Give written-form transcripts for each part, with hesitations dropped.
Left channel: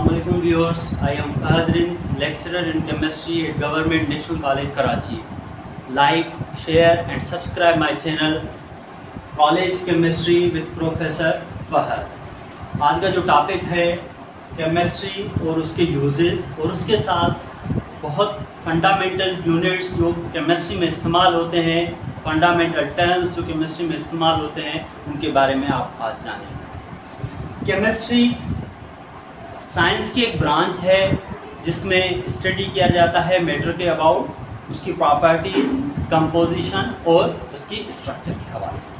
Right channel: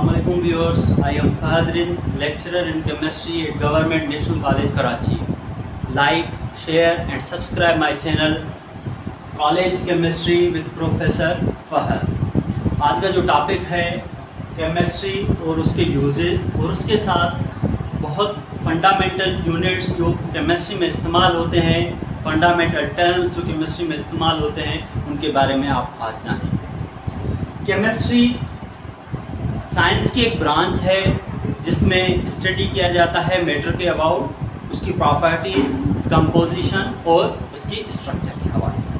Assalamualaikum viewers, I am Fahadrin, lecturer in chemistry at Government National College Karachi. Like, share and subscribe my channel College Chemistry with Professor Fahad। आज का जो topic है chemistry और उसके uses और उसके साथ बहुत फंडामेंटल यूनिट्स जो केमिस्ट्री में इस्तेमाल होते हैं, फंडामेंटल टर्म्स जो केमिस्ट्री में इस्तेमाल होते हैं, उनके बारे में आप आज जानें। केमिस्ट्री साइंस की एक ब्रांच है जिसमें स्टडी किया जाता है मैटर के अबाउट, उसकी प्रॉपर्टी, कंपोजिशन और उसकी स्ट्रक्चर के हवाले से।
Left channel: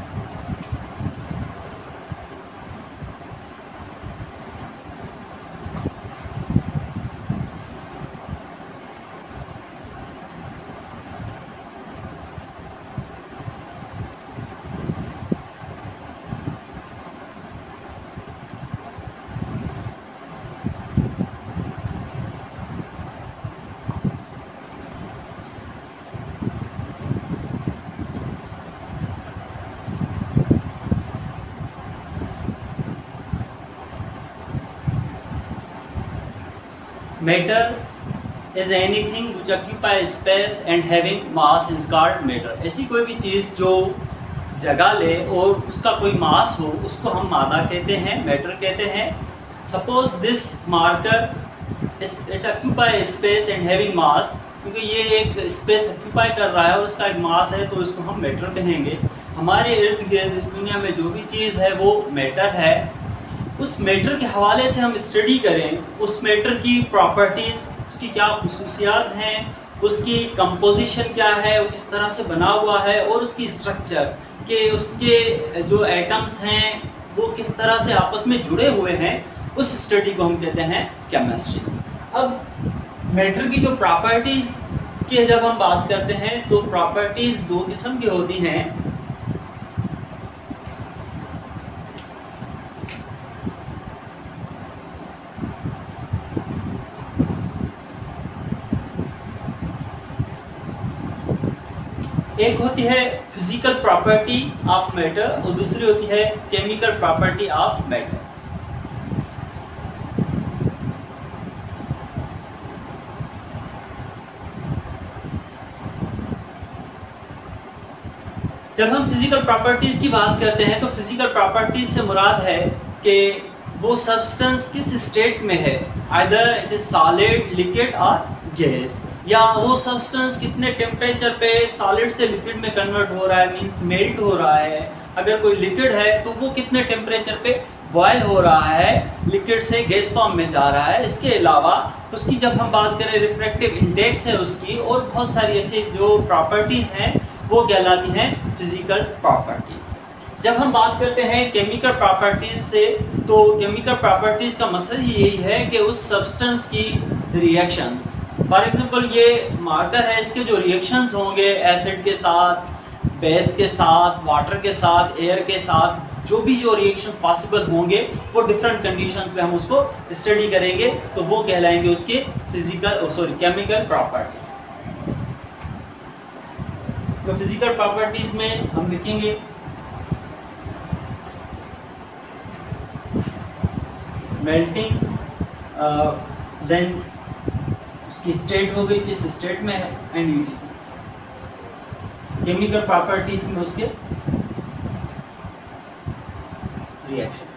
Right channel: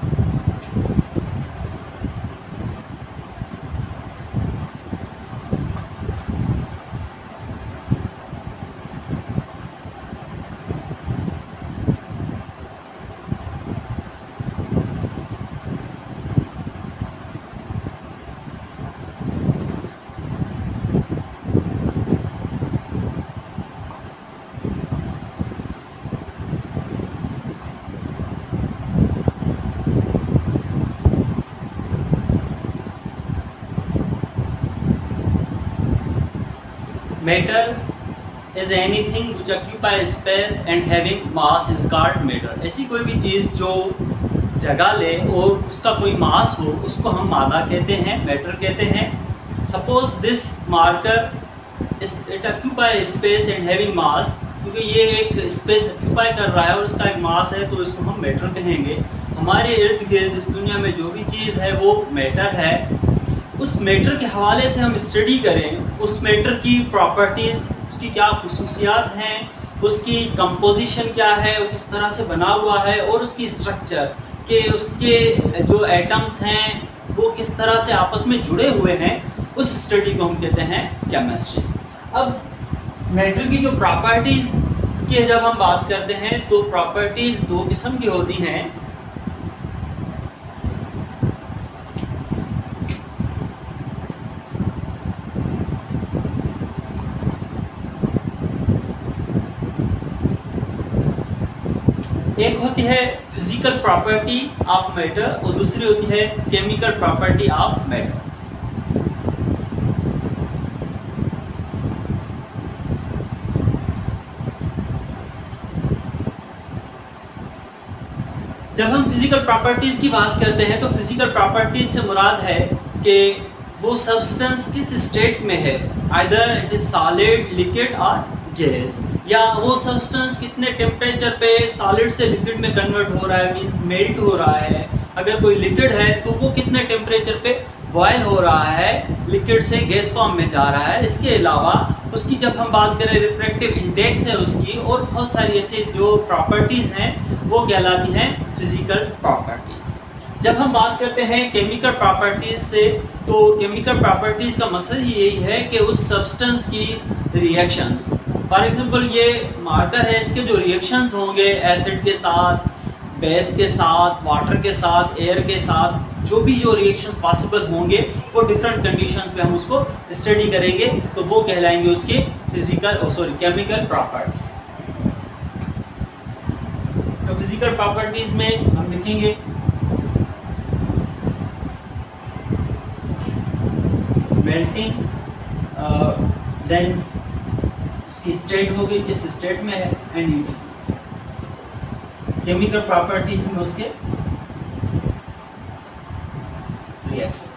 Matter is anything which occupies space and having mass is called matter। ऐसी कोई भी चीज जो जगह ले और उसका कोई मास हो, उसको हम मादा कहते हैं, मैटर कहते हैं। Suppose this marker it occupy space and having mass, क्योंकि ये एक स्पेस ऑक्यूपाई कर रहा है और उसका एक मास है, तो इसको हम मैटर कहेंगे। हमारे इर्द गिर्द इस दुनिया में जो भी चीज है वो मैटर है। उस मैटर के हवाले से हम स्टडी करें, उस मैटर की प्रॉपर्टीज, उसकी क्या खुसूसियात हैं, उसकी कंपोजिशन क्या है, वो किस तरह से बना हुआ है, और उसकी स्ट्रक्चर के उसके जो एटम्स हैं वो किस तरह से आपस में जुड़े हुए हैं, उस स्टडी को हम कहते हैं केमिस्ट्री। अब मैटर की जो प्रॉपर्टीज की जब हम बात करते हैं तो प्रॉपर्टीज दो किस्म की होती हैं। एक होती है फिजिकल प्रॉपर्टी ऑफ मैटर और दूसरी होती है केमिकल प्रॉपर्टी ऑफ मैटर। जब हम फिजिकल प्रॉपर्टीज की बात करते हैं तो फिजिकल प्रॉपर्टीज से मुराद है कि वो सब्सटेंस किस स्टेट में है, either it is solid, liquid और गैस, या वो सब्सटेंस कितने टेम्परेचर पे सॉलिड से लिक्विड में कन्वर्ट हो रहा है, मींस मेल्ट हो रहा है। अगर कोई लिक्विड है तो वो कितने टेम्परेचर पे बॉयल हो रहा है, लिक्विड से गैस फॉर्म में जा रहा है। इसके अलावा उसकी जब हम बात करें रिफ्रैक्टिव इंडेक्स है उसकी, और बहुत सारी ऐसी जो प्रॉपर्टीज हैं वो कहलाती हैं फिजिकल प्रॉपर्टीज। जब हम बात करते हैं केमिकल प्रॉपर्टीज से, तो केमिकल प्रॉपर्टीज का मकसद यही है कि उस सब्सटेंस की रिएक्शंस, फॉर एग्जाम्पल ये मार्कर है, इसके जो रिएक्शंस होंगे एसिड के साथ, बेस के साथ, वाटर के साथ, एयर के साथ, जो भी जो रिएक्शन पॉसिबल होंगे वो डिफरेंट कंडीशंस पे हम उसको स्टडी करेंगे, तो वो कहलाएंगे उसके केमिकल प्रॉपर्टीज। तो फिजिकल प्रॉपर्टीज में हम लिखेंगे मेल्टिंग, देन उसकी स्टेट हो गई, किस स्टेट में है, एंड यूटीसी। केमिकल प्रॉपर्टीज में उसके रिएक्शंस।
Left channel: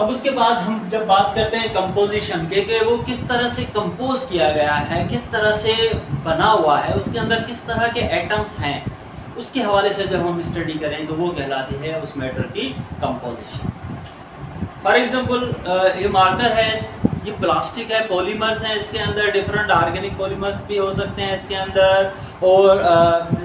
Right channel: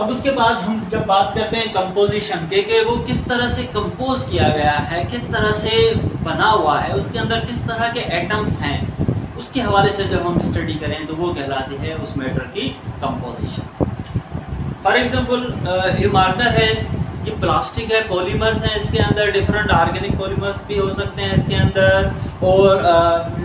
अब उसके बाद हम जब बात करते हैं कंपोजिशन के वो किस तरह से कंपोज किया गया है, किस तरह से बना हुआ है, उसके अंदर किस तरह के एटम्स हैं, उसके हवाले से जब हम स्टडी करें तो वो कहलाती है उस मैटर की कंपोजिशन। फॉर एग्जाम्पल ये मार्कर है, ये प्लास्टिक है, पॉलीमर्स हैं, इसके अंदर डिफरेंट ऑर्गेनिक पॉलीमर्स भी हो सकते हैं इसके अंदर, और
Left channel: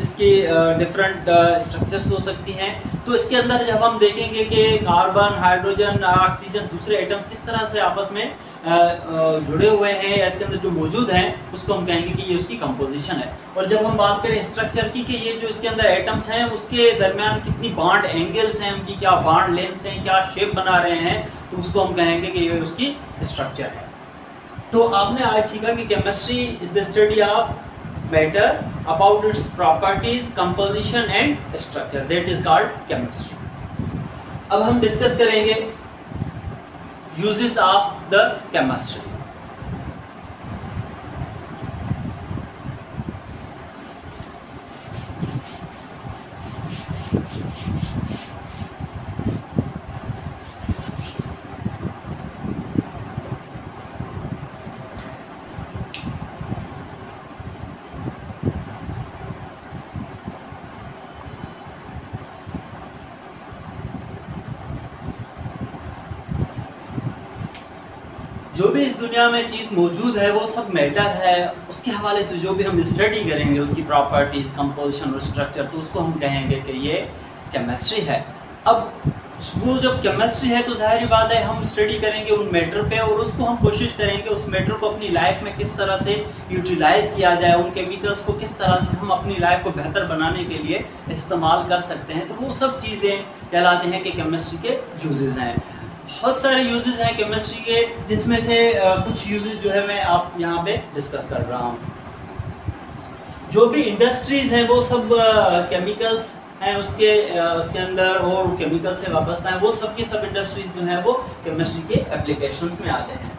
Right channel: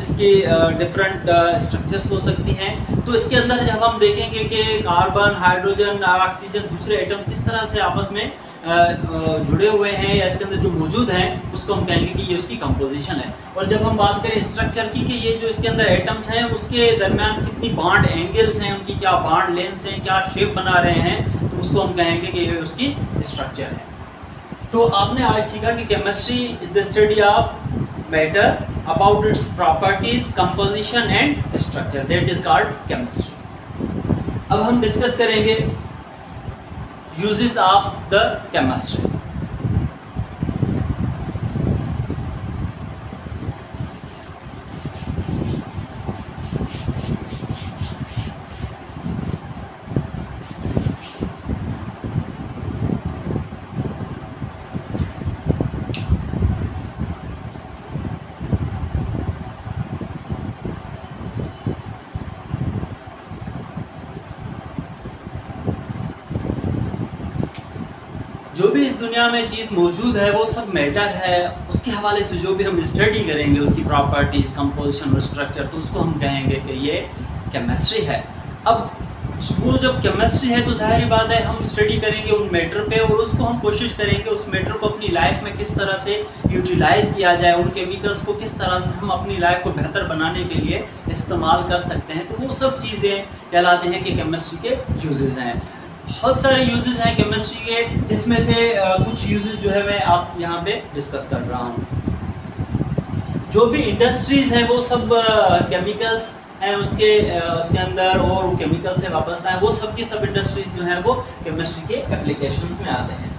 इसकी डिफरेंट स्ट्रक्चर्स हो सकती हैं। तो इसके अंदर जब हम देखेंगे कि कार्बन, हाइड्रोजन, ऑक्सीजन, दूसरे एटम्स किस तरह से आपस में जुड़े हुए हैं या इसके अंदर जो मौजूद हैं, उसको हम कहेंगे कि ये उसकी कंपोजिशन है। और जब हम बात करें स्ट्रक्चर की कि ये जो इसके अंदर एटम्स हैं उसके दरमियान कितनी बॉन्ड एंगल्स हैं, उनकी क्या बॉन्ड लेंथ्स हैं, क्या शेप बना रहे हैं, तो उसको हम कहेंगे कि ये उसकी स्ट्रक्चर है। तो आपने आज सीखा कि chemistry is the study of matter about its properties, composition and structure, that is called chemistry. अब हम डिस्कस करेंगे uses of the chemistry. जो भी इस दुनिया में चीज मौजूद है वो सब मैटर है, उसके हवाले से जो भी हम स्टडी करेंगे उसकी प्रॉपर्टीज, कंपोजिशन और स्ट्रक्चर, तो उसको हम कहेंगे कि ये केमिस्ट्री है। अब वो जब केमिस्ट्री है तो जाहिर बात है हम स्टडी करेंगे उन मैटर पे और उसको हम कोशिश करेंगे उस मैटर को अपनी लाइफ में किस तरह से यूटिलाइज किया जाए, उन केमिकल्स को किस तरह से हम अपनी लाइफ को बेहतर बनाने के लिए इस्तेमाल कर सकते हैं। तो वो सब चीजें कहलाते हैं कि केमिस्ट्री के यूजेस हैं। बहुत सारे यूजेस हैं केमिस्ट्री के, जिसमें से कुछ यूजेस जो है मैं आप यहाँ पे डिस्कस कर रहा हूँ। जो भी इंडस्ट्रीज हैं वो सब केमिकल्स हैं उसके अंदर और केमिकल से वाबस्ता है, वो सब की सब इंडस्ट्रीज जो हैं वो केमिस्ट्री के एप्लीकेशंस में आते हैं।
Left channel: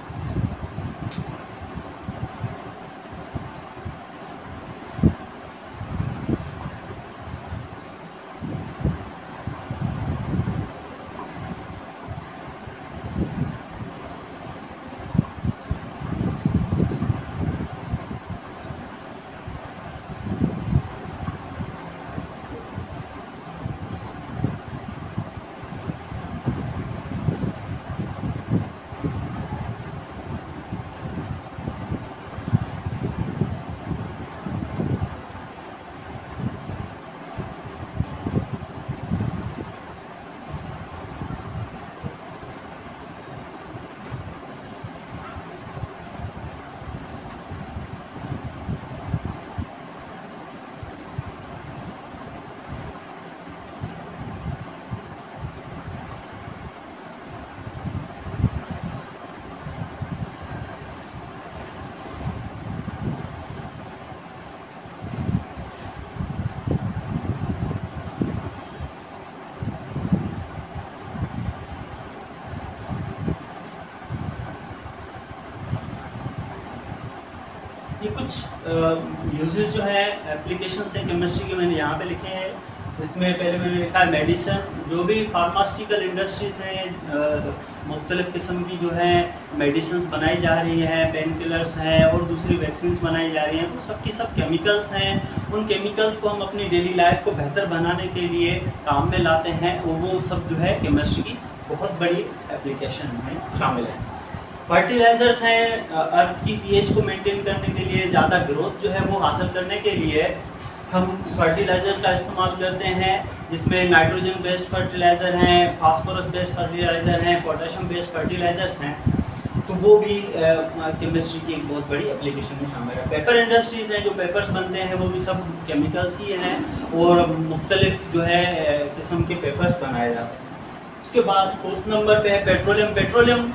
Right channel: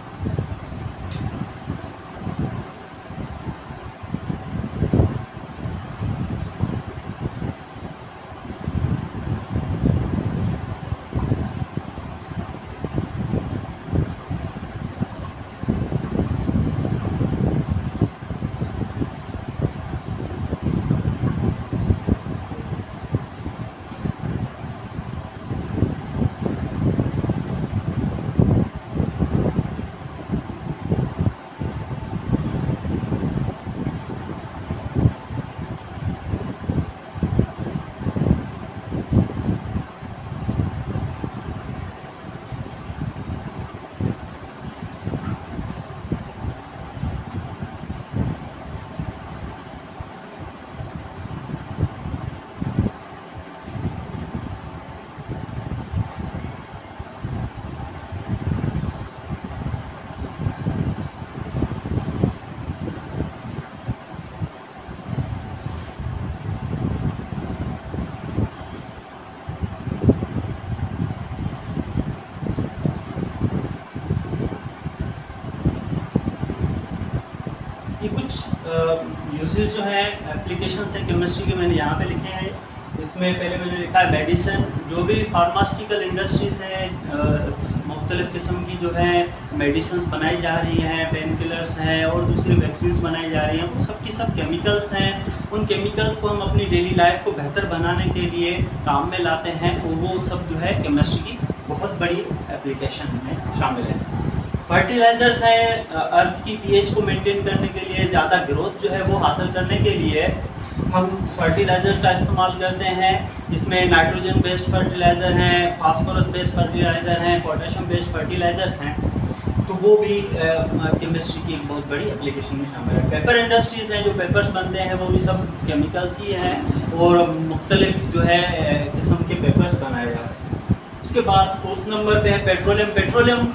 ये कुछ यूजेस जो है एप्लीकेशन है केमिस्ट्री के मैंने यहाँ पे लिखे हैं। इसमें पहले मैंने लिखा है मेडिसिन। जो भी फार्मास्यूटिकल इंडस्ट्रीज हैं, मुख्तलिफ किस्म की जो है मेडिसिन बनाई जा रही हैं, पेन किलर्स हैं और दूसरी वैक्सीन बनाई जा रही हैं, वो सब की सब केमिकल्स हैं। उन केमिकल्स को हम अपनी डेली लाइफ को बेहतर बनाने के लिए काम में लाते हैं और वो सब जो है केमिस्ट्री की बहुत बड़ी एप्लीकेशन में शामिल है। फर्टिलाइजर्स हैं, अर्थ की पीएच को मेंटेन करने के लिए, ज़्यादा ग्रोथ जो है वो हासिल करने के लिए हम फर्टिलाइजर का इस्तेमाल करते हैं, जिसमें नाइट्रोजन बेस्ड फर्टिलाइजर हैं, फास्फोरस बेस्ड फर्टिलाइजर हैं, पोटेशियम बेस्ड फर्टिलाइजर्स हैं। तो वो भी केमिस्ट्री की एक बहुत बड़ी एप्लीकेशन में शामिल है। पेपर इंडस्ट्रीज हैं, जो पेपर्स बनते हैं वो भी सब केमिकल्स ही हैं और मुख्तलिफ जो है किस्म के पेपर्स बनाए जाते हैं। उसके बाद 4th नंबर पे है पेट्रोलियम। पेट्रोलियम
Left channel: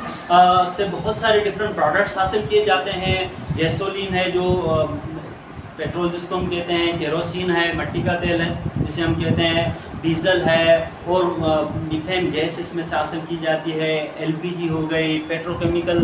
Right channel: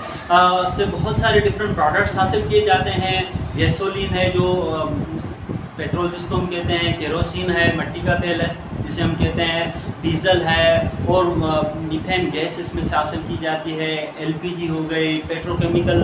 से बहुत सारे डिफरेंट प्रोडक्ट्स हासिल किए जाते हैं। गैसोलीन है, जो पेट्रोल जिसको हम कहते हैं, केरोसिन है, मिट्टी का तेल है जिसे हम कहते हैं, डीजल है और मीथेन गैस इसमें से हासिल की जाती है, एलपीजी हो गई, पेट्रोकेमिकल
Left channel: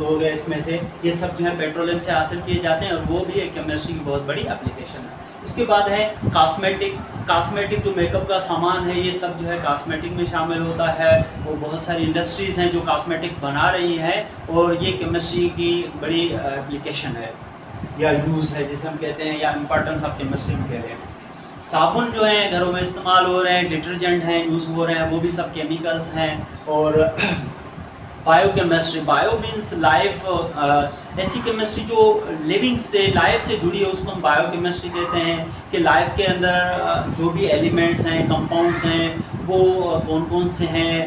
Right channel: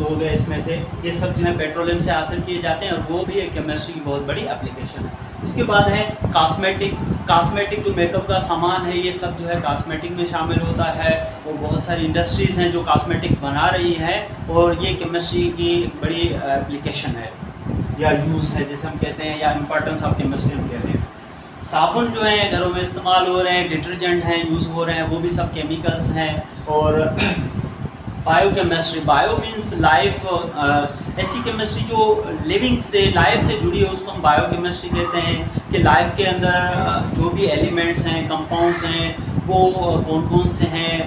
हो गए, इसमें से ये सब जो है पेट्रोलियम से हासिल किए जाते हैं और वो भी एक केमिस्ट्री की बहुत बड़ी एप्लीकेशन है। उसके बाद है कॉस्मेटिक जो मेकअप का सामान है, ये सब जो है कॉस्मेटिक में शामिल होता है। वो बहुत सारी इंडस्ट्रीज हैं जो कॉस्मेटिक्स बना रही हैं और ये केमिस्ट्री की बड़ी एप्लीकेशन है या यूज है जिसे हम कहते हैं, या इम्पोर्टेंस ऑफ केमिस्ट्री में कहते हैं। साबुन जो है घरों में इस्तेमाल हो रहे हैं, डिटर्जेंट हैं यूज हो रहे हैं, वो भी सब केमिकल्स हैं। और बायोकेमिस्ट्री, बायो मीन्स लाइफ, ऐसी केमिस्ट्री जो लिविंग से, लाइफ से जुड़ी है उसको हम बायोकेमिस्ट्री कहते हैं। कि लाइफ के अंदर जो भी एलिमेंट्स हैं, कंपाउंड्स हैं, वो कौन कौन से हैं,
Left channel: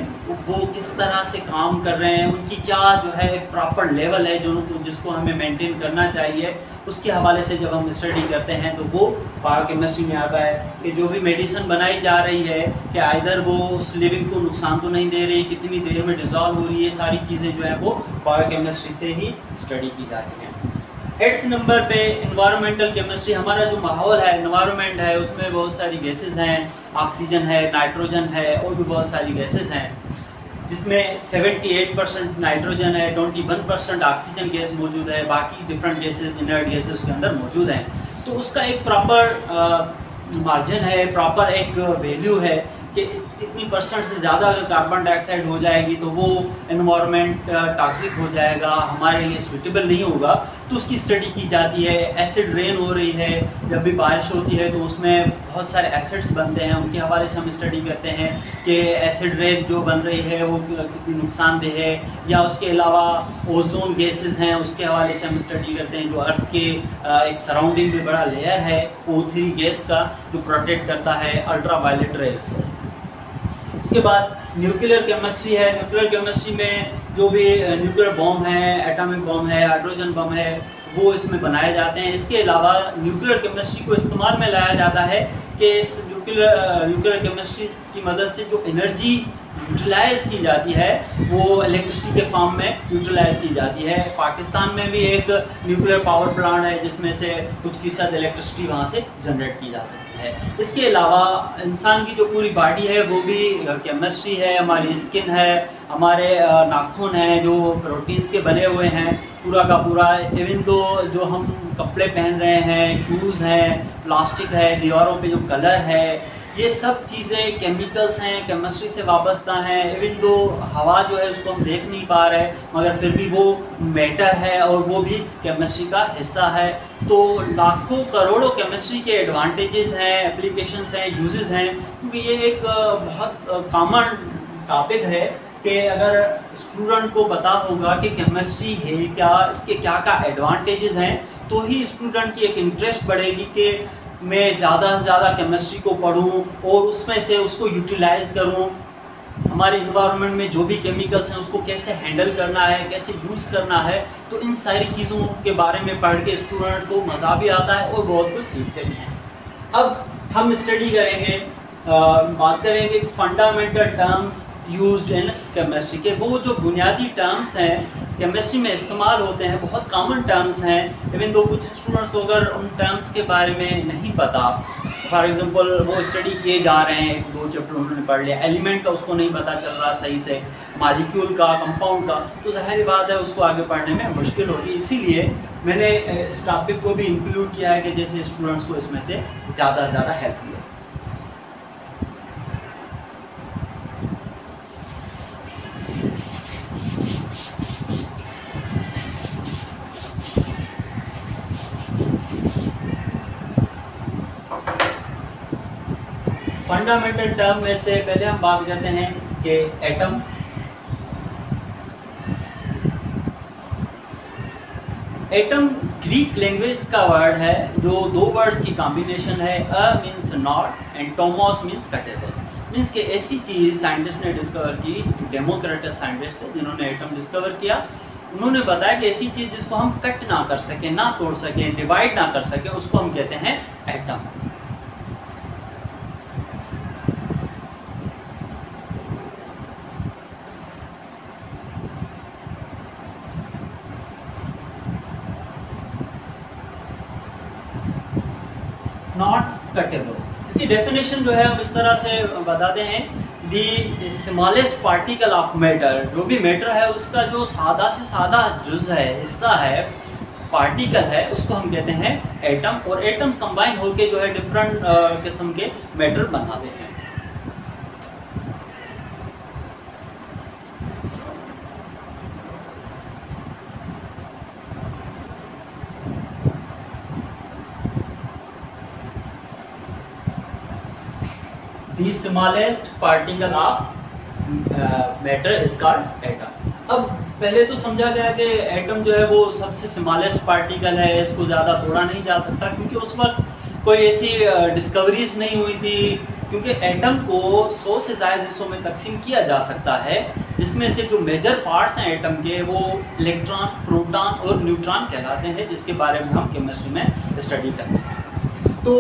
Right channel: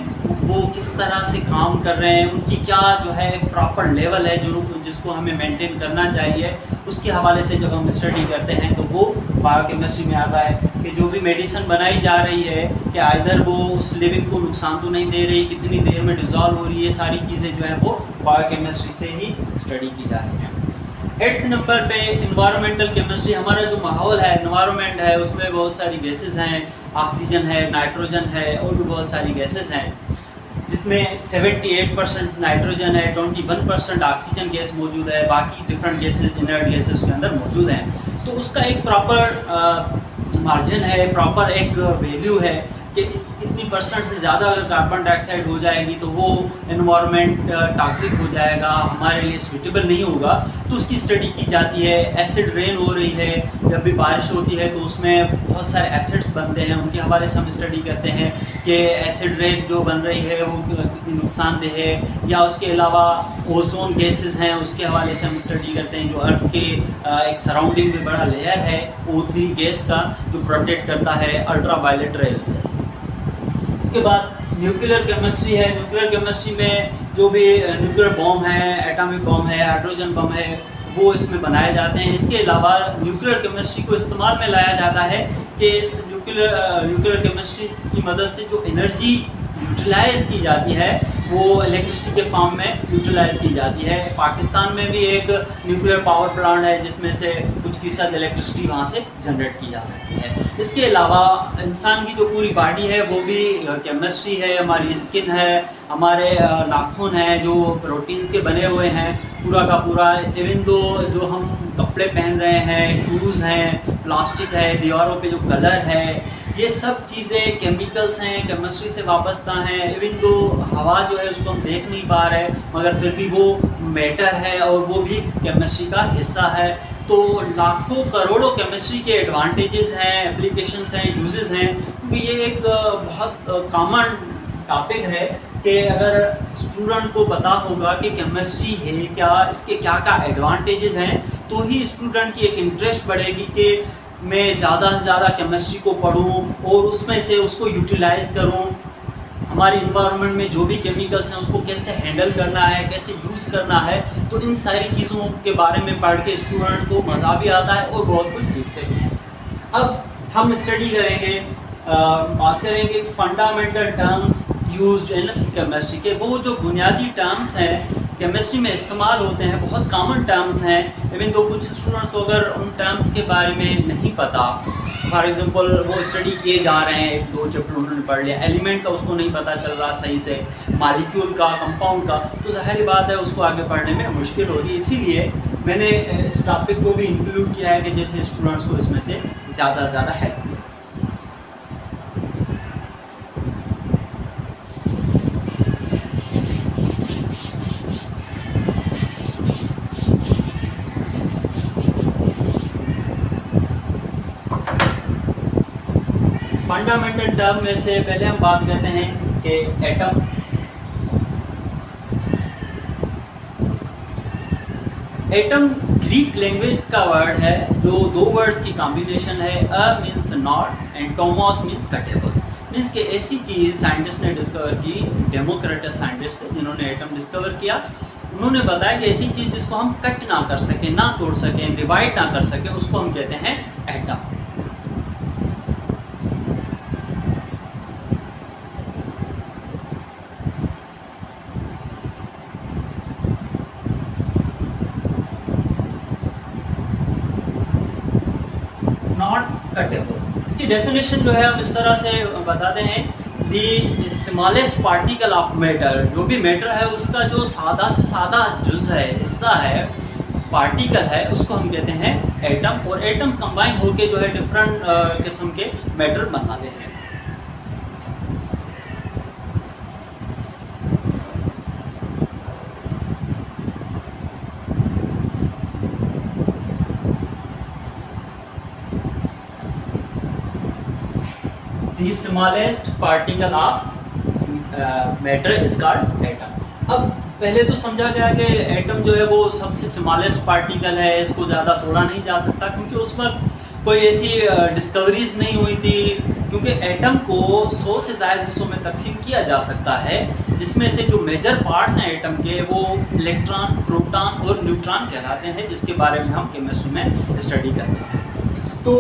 वो किस तरह से काम कर रहे हैं, उनकी क्या जो है प्रॉपर लेवल है जिसको हमें मेंटेन करना चाहिए, उसके हवाले से जब हम स्टडी करते हैं तो वो बायोकेमिस्ट्री में आता है। कि जो भी मेडिसिन बनाई जा रही है कि आइदर वो उस लिविंग को नुकसान तो नहीं दे रही, कितनी देर में डिजॉल्व हो रही है, सारी चीज़ें जो है वो बायोकेमिस्ट्री से ही स्टडी की जा रही हैं। 8th नंबर पे इन्वायरमेंटल केमिस्ट्री। हमारा जो माहौल है, इन्वायरमेंट है, उसमें बहुत सारी गैसेस हैं, ऑक्सीजन है, नाइट्रोजन है और भी बहुत सारी गैसेस हैं। जिसमें 78% नाइट्रोजन है, 21% ऑक्सीजन गैस मौजूद है, बाकी डिफरेंट गैसेस, इनर्ट गैसेस उसके अंदर मौजूद हैं। तो उसका एक प्रॉपर मार्जिन है, प्रॉपर एक वैल्यू है कि इतनी परसेंट से ज़्यादा अगर कार्बन डाइऑक्साइड हो जाएगी तो वो एनवायरनमेंट टॉक्सिक हो जाएगा, हमारे लिए सूटेबल नहीं होगा। तो उसकी स्टडी की जाती है। एसिड रेन हो रही है, जब भी बारिश होती है तो उसमें बहुत सारे एसिड्स बनते हैं, उनके हवाले से हम स्टडी करते हैं कि एसिड रेन जो बन रही है वो कितनी नुकसानदेह है, या उसके अलावा ओजोन गैसेज हैं उसके हवाले से हम स्टडी करते हैं, जो अर्थ के एक सराउंडिंग में बड़ा लेयर है O3 गैस का, जो प्रोटेक्ट करता है अल्ट्रा वायलेट रेज से। उसके बाद न्यूक्लियर केमिस्ट्री है। न्यूक्लियर केमिस्ट्री में जो भी न्यूक्लियर बॉम्ब है, एटॉमिक बॉम्ब है, हाइड्रोजन बॉम्ब है, वो इसमें बनाए जाते हैं। इसके अलावा न्यूक्लियर केमिस्ट्री को इस्तेमाल में लाया जाता है कि इस न्यूक्लियर केमिस्ट्री की मदद से जो एनर्जी यूटिलाइज की जाती है वो इलेक्ट्रिसिटी के फॉर्म में यूटिलाइज की जाती है। पाकिस्तान में भी एक न्यूक्लियर पावर प्लांट है जिसमें से कुछ फीसद इलेक्ट्रिसिटी वहाँ से जनरेट की जा सकती है। इसके अलावा इंसान की जो पूरी बॉडी है वो भी केमिस्ट्री है। हमारी स्किन है, हमारे नाखून हैं जो प्रोटीन के बने हुए हैं, पूरा का पूरा। इवन दो जो हम कपड़े पहन रहे हैं, शूज़ हैं, प्लास्टिक है, दीवारों पे जो कलर है, ये सब चीज़ें केमिकल्स हैं, केमिस्ट्री से वाबस्ता हैं। इवन दो हवा जो है उसको हम देख नहीं पा रहे मगर फिर भी वो मैटर है और वो भी केमिस्ट्री का हिस्सा है। तो लाखों करोड़ों केमिस्ट्री के एडवांटेजेस हैं, एप्लीकेशंस हैं, यूजेस हैं, क्योंकि ये एक बहुत कॉमन टॉपिक है कि अगर स्टूडेंट को पता होगा कि केमिस्ट्री है क्या, इसके क्या क्या एडवांटेजेस हैं, तो ही स्टूडेंट की एक इंटरेस्ट बढ़ेगी कि मैं ज़्यादा से ज़्यादा केमिस्ट्री को पढूं और उसमें से उसको यूटिलाइज करूं। हमारे इन्वायरमेंट में जो भी केमिकल्स हैं उसको कैसे हैंडल करना है, कैसे यूज़ करना है, तो इन सारी चीज़ों के बारे में पढ़ के स्टूडेंट को मज़ा भी आता है और बहुत कुछ सीखते भी हैं। अब हम स्टडी करेंगे, बात करेंगे fundamental terms used in chemistry के। वो जो बुनियादी टर्म्स हैं केमिस्ट्री में इस्तेमाल होते हैं, बहुत कॉमन टर्म्स हैं। इवन दो कुछ स्टूडेंट्स को अगर उन टर्म्स के बारे में नहीं पता, फॉर एग्जांपल वो स्टडी किए जा रहे हैं, एक दो चैप्टर उन्होंने पढ़ लिया, एलिमेंट का उसको नहीं पता चल रहा सही से, मॉलिक्यूल का, कंपाउंड का, तो जाहिर बात है उसको आगे पढ़ने में मुश्किल होगी। इसीलिए मैंने इस टॉपिक को भी इंक्लूड किया है कि जैसे स्टूडेंट्स को इसमें से ज़्यादा से ज़्यादा हेल्प मिले। फंडामेंटल टर्म में से पहले हम बात करते हैं कि एटम। एटम ग्रीक लैंग्वेज का वर्ड है जो दो वर्ड्स की कॉम्बिनेशन है। A means not and tomos means cuttable. Means कि ऐसी चीज साइंटिस्ट ने डिस्कवर की, डेमोक्रिटस साइंटिस्ट थे जिन्होंने एटम डिस्कवर किया। उन्होंने बताया कि ऐसी चीज जिसको हम कट ना कर सके, ना तोड़ सके, डिवाइड ना कर सके, उसको हम कहते हैं एटम। Not cuttable. इसकी डेफिनेशन जो है हम इस तरह से बताते हैं, the smallest particle of matter. जो भी मैटर है उसका जो सादा से सादा जुज है, हिस्सा है, पार्टिकल है, उसको हम कहते हैं एटम। और एटम्स कंबाइन होकर जो है डिफरेंट किस्म के मैटर बनाते हैं। The smallest particle of matter is called atom। अब पहले तो समझा गया कि एटम जो है वो सबसे स्मॉलेस्ट पार्टिकल है, इसको ज़्यादा तोड़ा नहीं जा सकता, क्योंकि उस वक्त कोई ऐसी डिस्कवरीज नहीं हुई थी। क्योंकि एटम को 100 से ज़्यादा हिस्सों में तकसीम किया जा सकता है, जिसमें से जो मेजर पार्ट्स हैं एटम के वो इलेक्ट्रॉन, प्रोटॉन और न्यूट्रॉन कहलाते हैं, जिसके बारे में हम केमिस्ट्री में स्टडी करते हैं। तो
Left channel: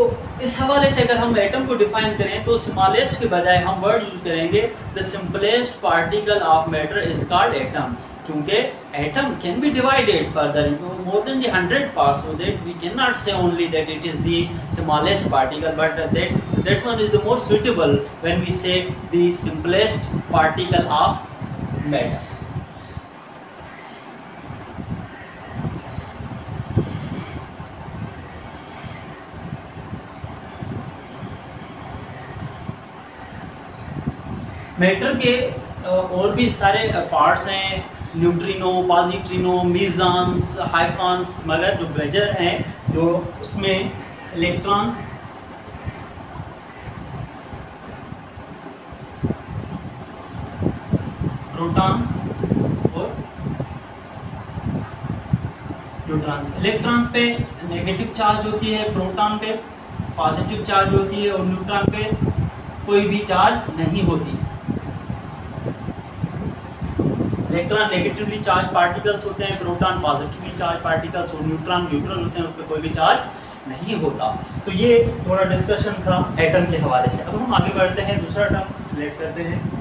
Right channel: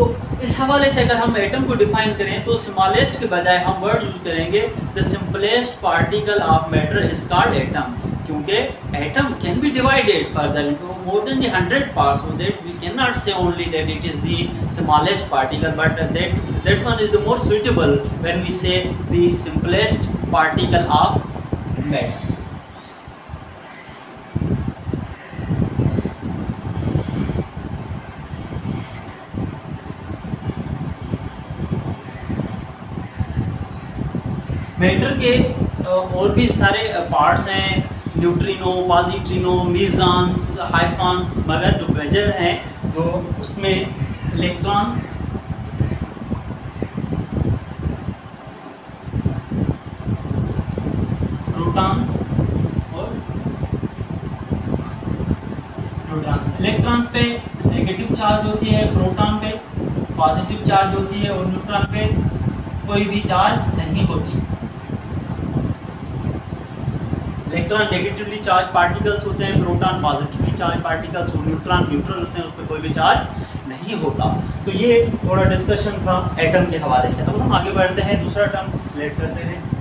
इस हवाले से अगर हम एटम को डिफाइन करें तो स्मॉलेस्ट के बजाय हम वर्ड यूज करेंगे the simplest particle of matter is called atom. क्योंकि atom can be divided further into more than the 100 parts, so that we can not say only that it is the smallest particle, but that one is the more suitable when we say the simplest particle of metal. Matter के और भी सारे parts हैं, neutrino, पॉजिट्रिनो, मीज़ॉन्स, हाइफॉन्स, मगर जो major हैं जो उसमें इलेक्ट्रॉन, प्रोटॉन और न्यूट्रॉन्स। इलेक्ट्रॉन्स पे नेगेटिव चार्ज होती है, प्रोटॉन पे पॉजिटिव चार्ज होती है और न्यूट्रॉन पे कोई भी चार्ज नहीं होती। इलेक्ट्रॉन नेगेटिवली चार्ज पार्टिकल्स होते हैं, प्रोटॉन पॉजिटिवली चार्ज पार्टिकल्स और न्यूट्रॉन न्यूट्रल होते हैं, उसमें कोई भी चार्ज नहीं होता। तो ये थोड़ा डिस्कशन था एटम के हवाले से। अब हम आगे बढ़ते हैं, दूसरा टर्म सिलेक्ट करते हैं।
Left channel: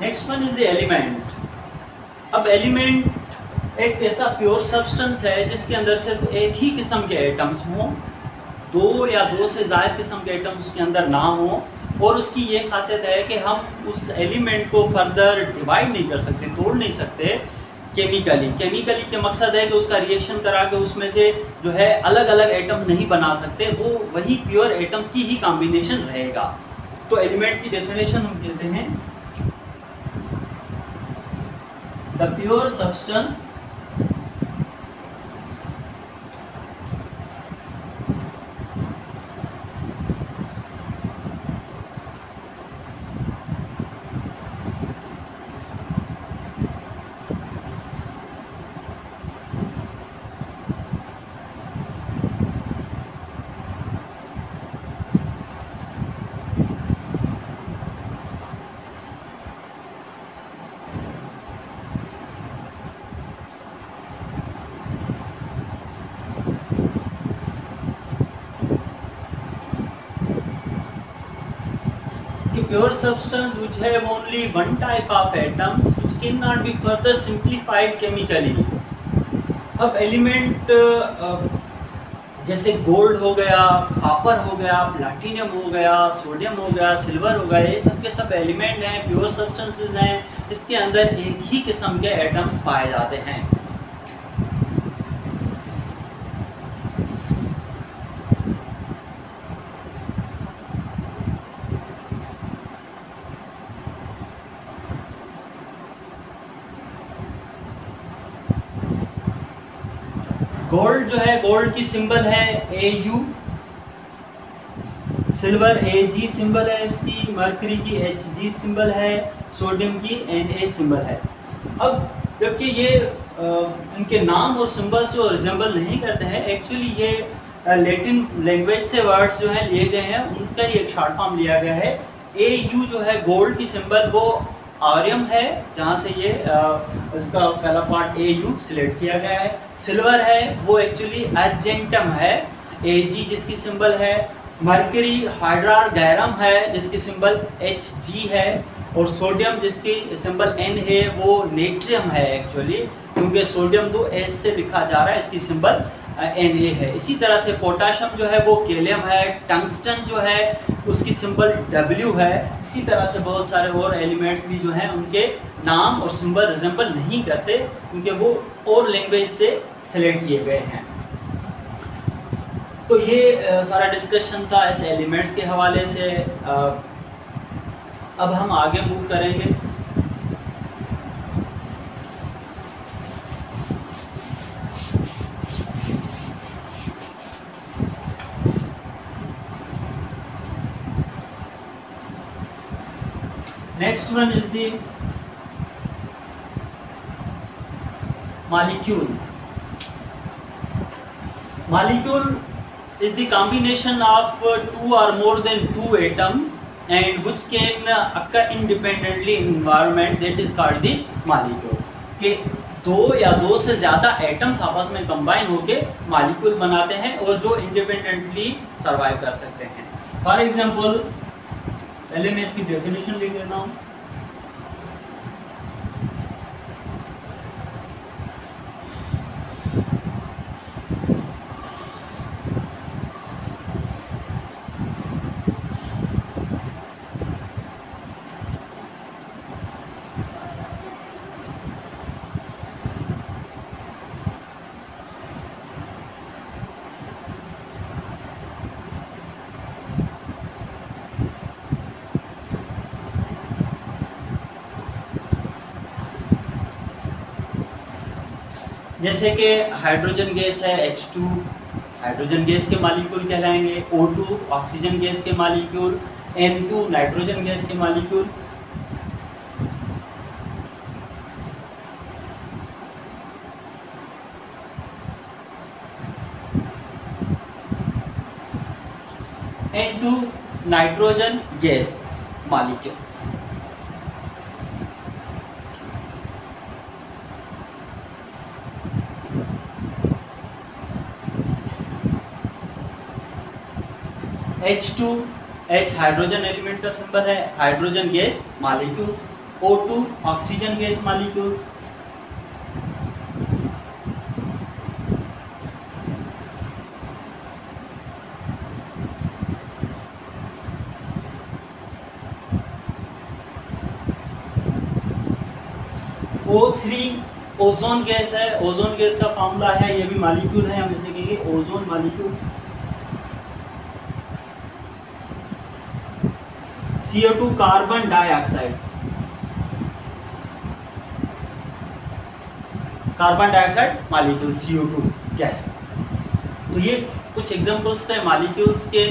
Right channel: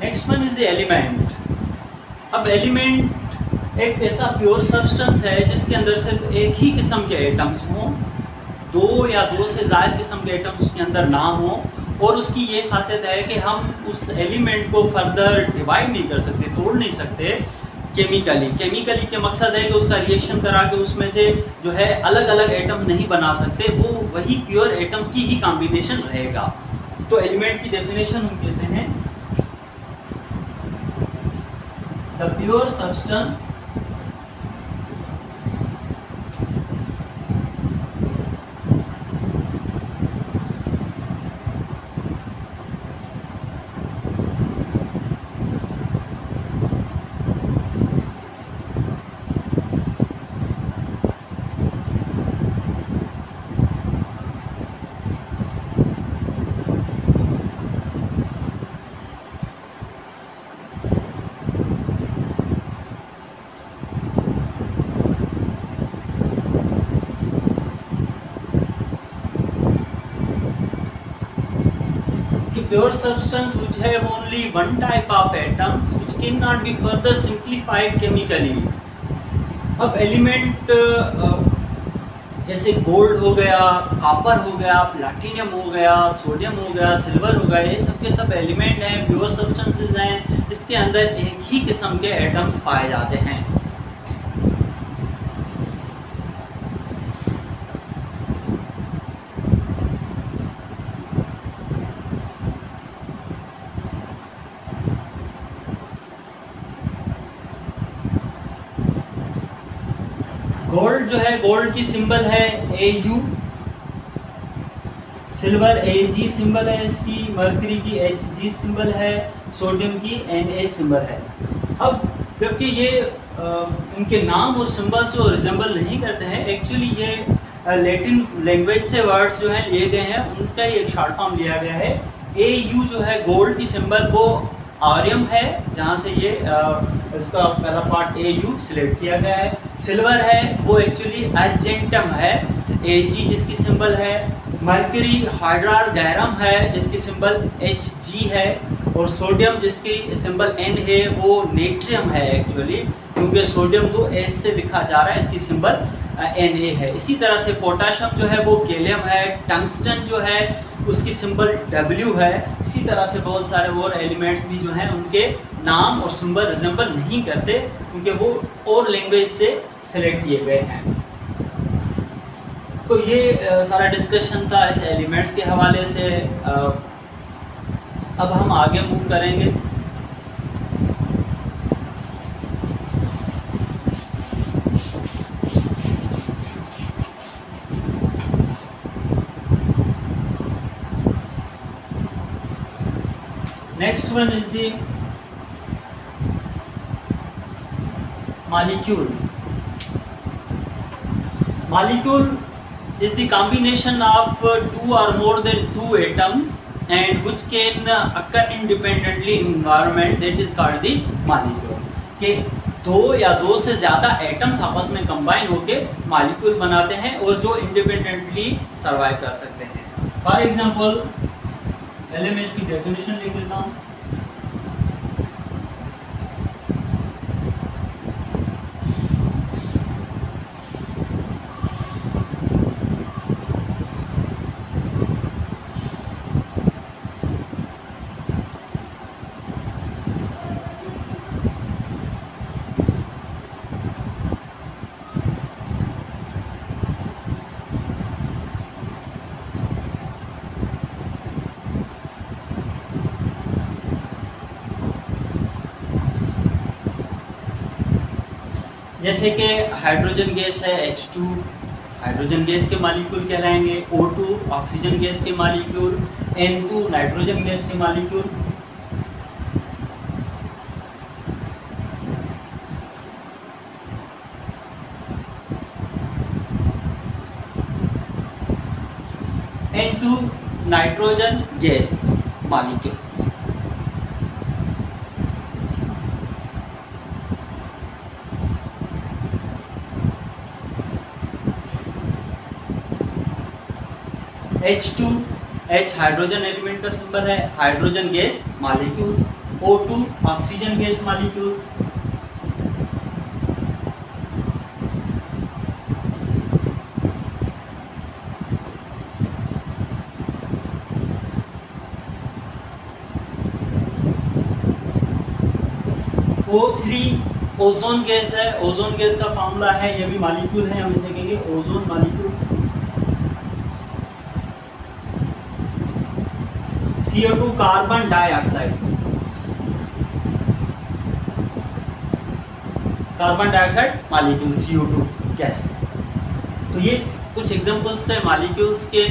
Next one is the element. अब एलिमेंट एक ऐसा प्योर सब्सटेंस है जिसके अंदर सिर्फ एक ही किस्म के एटम्स हों, दो या दो से ज्यादा किस्म के एटम्स उसके अंदर ना हो, और उसकी ये खासियत है कि हम उस एलिमेंट को फर्दर डिवाइड नहीं कर सकते, तोड़ नहीं सकते केमिकली। केमिकली के मकसद है कि उसका रिएक्शन करा के उसमें से जो है अलग अलग एटम नहीं बना सकते, वो वही प्योर एटम्स की ही कॉम्बिनेशन रहेगा। तो एलिमेंट की डेफिनेशन हम कहते हैं the pure substance pure substance which have only one type of atoms which cannot be further simplified chemically। अब एलिमेंट जैसे गोल्ड हो गया, कॉपर हो गया, प्लैटिनम हो गया, सोडियम हो गया, सिल्वर हो गया, ये सब के सब एलिमेंट हैं, प्योर सब्सटेंसेस हैं, इसके अंदर एक ही किस्म के एटम्स पाए जाते हैं। गोल्ड जो है, गोल्ड की सिंबल है AU, सिल्वर AG सिंबल है इसकी, मरकरी की HG सिंबल है, सोडियम की Na सिंबल है। अब जबकि ये इनके नाम और सिंबल से रिजेंबल नहीं करते हैं, एक्चुअली ये लैटिन लैंग्वेज से वर्ड्स जो है लिए गए हैं, उनका ही एक शॉर्ट फॉर्म लिया गया है। AU जो है गोल्ड की सिंबल वो आर्यम है, जहां से ये इसका पहला पार्ट AU सिलेक्ट किया गया है। सिल्वर है वो एक्चुअली अर्जेंटम है, AG जिसकी सिंबल है। मरकरी हाइड्रार गैरम है जिसकी सिंबल Hg है, और सोडियम जिसकी सिंबल N है वो नेट्रियम है एक्चुअली, क्योंकि सोडियम तो S से लिखा जा रहा है, इसकी सिंबल Na है। इसी तरह से पोटाशियम जो है वो कैलियम है, टंगस्टन जो है उसकी सिंबल W है। इसी तरह से बहुत सारे और एलिमेंट्स भी जो हैं उनके नाम और सिंबल रिजेंबल नहीं करते, क्योंकि वो और लैंग्वेज से सिलेक्ट किए गए हैं। तो ये सारा डिस्कशन था इस एलिमेंट्स के हवाले से। अब हम आगे मूव करेंगे। Next one is the molecule. Molecule is the combination of two or more than two atoms and which can occur independently in environment, that is called the molecule। के दो या दो से ज्यादा एटम्स आपस में कंबाइन होके मॉलिक्यूल बनाते हैं और जो इंडिपेंडेंटली सर्वाइव कर सकते हैं। फॉर एग्जांपल पहले मैं इसकी डेफिनेशन लिख लेता हूं। जैसे कि हाइड्रोजन गैस है H2, हाइड्रोजन गैस के मालिक्यूल कहलाएंगे। O2 ऑक्सीजन गैस के मालिक्यूल, N2 नाइट्रोजन गैस के molecule. N2 nitrogen gas molecule. H2 H hydrogen element का सिंबल है, hydrogen gas molecules. O2 oxygen gas molecules. O3 ozone gas है, ozone gas का formula है, ये भी मालिक्यूल है, हम इसे कहेंगे ozone molecules. CO2 carbon dioxide, carbon dioxide molecule CO2 gas. तो ये कुछ एग्जांपल्स थे मालिक्यूल्स के।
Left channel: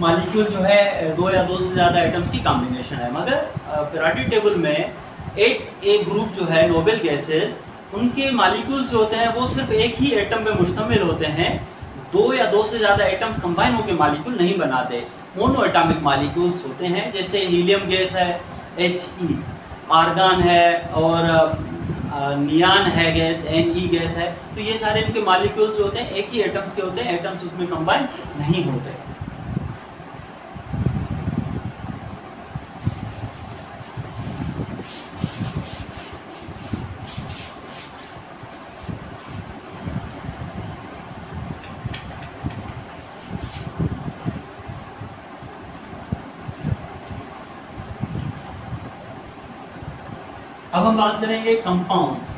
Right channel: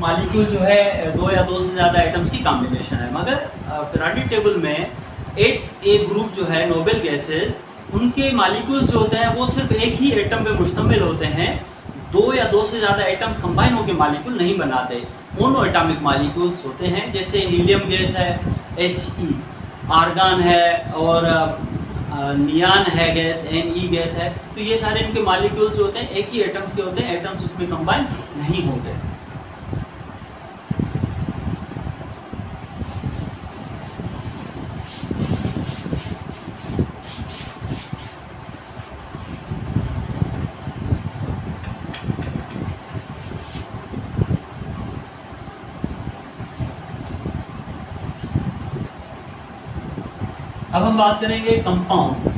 मालिक्यूल जो है दो या दो से ज्यादा एटम्स की कॉम्बिनेशन है, मगर पीरियोडिक टेबल में 8A ग्रुप जो है नोबेल गैसेस, उनके मालिक्यूल्स जो होते हैं वो सिर्फ एक ही एटम पे मुश्तमिल होते हैं। दो या दो से ज्यादा एटम्स कंबाइन होकर मालिक्यूल नहीं बनाते, मोनो एटॉमिक मालिक्यूल्स होते हैं। जैसे हीलियम गैस है He, आर्गन है, और नियान है गैस Ne गैस है। तो ये सारे इनके मालिक्यूल्स होते हैं एक ही एटम्स के होते हैं, एटम्स उसमें कंबाइन नहीं होते। अब हम बात करेंगे कंपाउंड।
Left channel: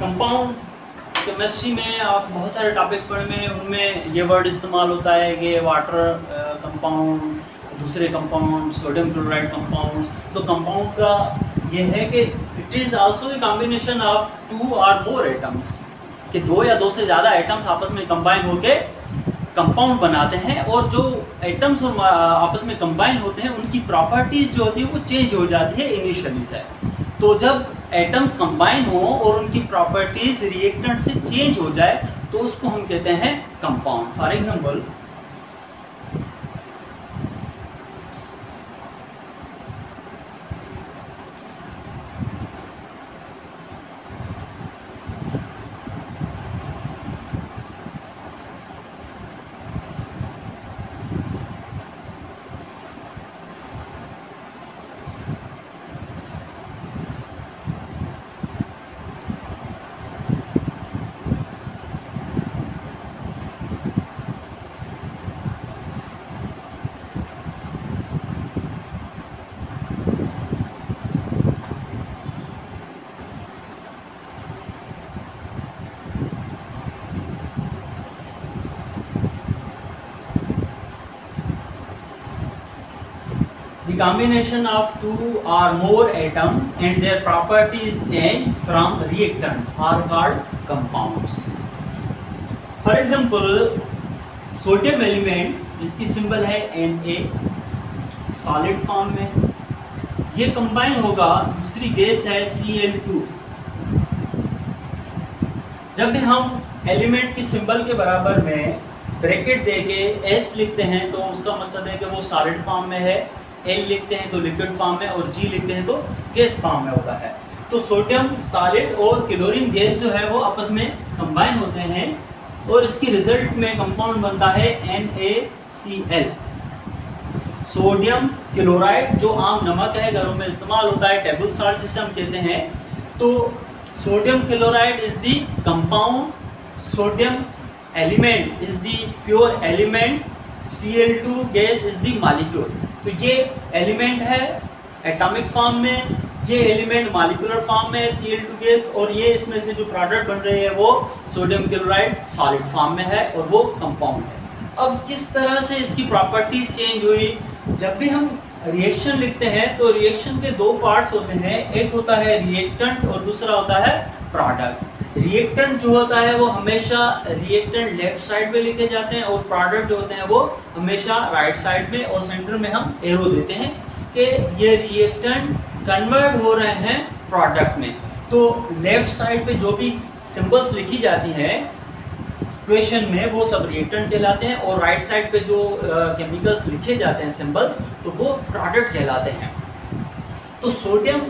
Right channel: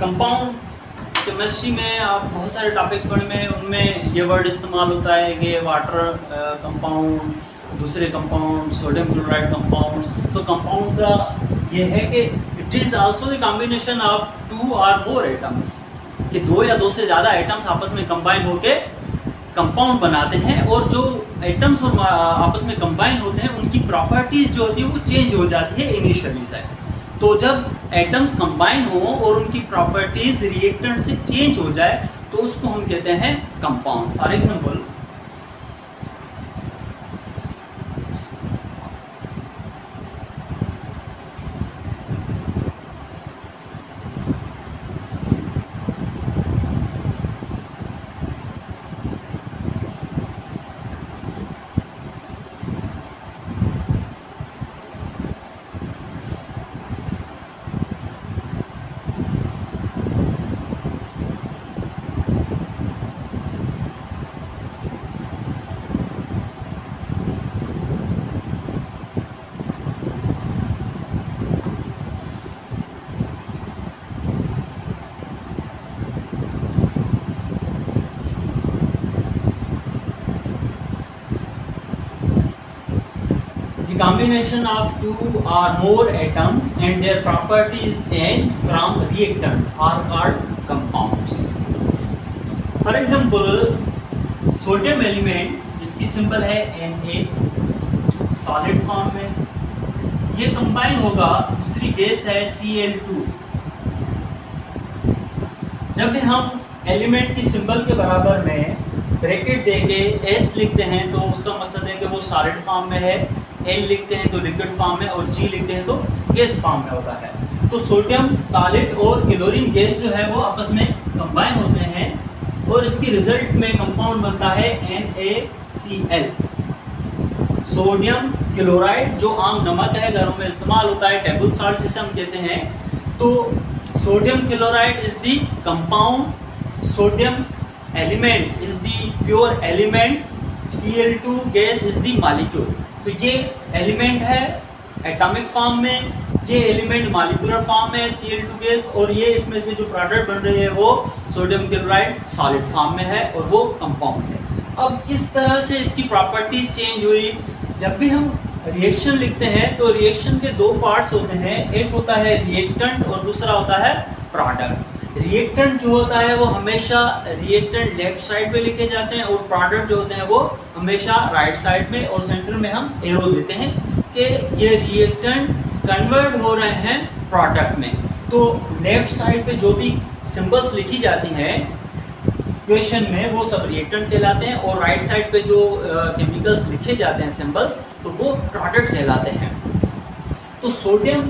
कंपाउंड केमिस्ट्री में आप बहुत सारे टॉपिक्स पढ़ में उनमें ये वर्ड इस्तेमाल होता है कि वाटर कंपाउंड, दूसरे कंपाउंड, सोडियम क्लोराइड कंपाउंड। तो कंपाउंड का ये है कि it is also the combination of 2 और मोर एटम्स, कि दो या दो से ज्यादा एटम्स आपस में कंबाइन होके कंपाउंड बनाते हैं। और जो एटम्स और आपस में कंबाइन होते हैं उनकी प्रॉपर्टीज जो होती है वो चेंज हो जाती है इनिशियली से। तो जब एटम्स कंबाइन हो और उनकी प्रॉपर्टीज रिएक्टेंट से चेंज हो जाए तो उसको हम कहते हैं compound. For example combination of 2 or more atoms and their properties change from reactant are called compounds. For example, sodium element इसकी सिंबल है Na, सॉलिड फॉर्म में। ये कंबाइन होगा दूसरी गैस है Cl2। जब भी हम एलिमेंट की सिंबल के बराबर में ब्रैकेट देके S लिखते हैं तो उसका मतलब है कि वो सॉलिड फॉर्म में है, L लिखते हैं तो लिक्विड फॉर्म में, और G लिखते हैं तो गैस फॉर्म में होता है। तो सोडियम सॉलिड और क्लोरीन गैस जो है वो आपस में कंबाइन होते हैं और इसकी रिजल्ट में कंपाउंड बनता है NaCl, सोडियम क्लोराइड, जो आम नमक है, घरों में इस्तेमाल होता है, टेबल साल्ट जिसे हम कहते हैं। तो sodium chloride is the compound, sodium element is the pure element, Cl2 gas is the molecule. तो ये एलिमेंट है एटॉमिक फॉर्म में, ये एलिमेंट मॉलिक्यूलर फॉर्म में है Cl2 गैस, और ये इसमें से जो प्रोडक्ट बन रही है वो सोडियम क्लोराइड सॉलिड फॉर्म में है और वो कंपाउंड है। अब किस तरह से इसकी प्रॉपर्टीज चेंज हुई? जब भी हम रिएक्शन लिखते हैं तो रिएक्शन के दो पार्ट्स होते हैं, एक होता है रिएक्टेंट और दूसरा होता है प्रोडक्ट। रिएक्टेंट जो होता है वो हमेशा रिएक्टेंट लेफ्ट साइड में लिखे जाते हैं और प्रोडक्ट जो होते हैं वो हमेशा राइट साइड में, और सेंटर में हम एरो देते हैं कि ये रिएक्टेंट कन्वर्ट हो रहे हैं प्रोडक्ट में। तो लेफ्ट साइड पे जो भी सिंबल्स लिखी जाती हैं इक्वेशन में वो सब रिएक्टेंट कहलाते हैं, और राइट साइड पे जो केमिकल्स लिखे जाते हैं सिंबल्स, तो वो प्रोडक्ट कहलाते हैं। तो सोडियम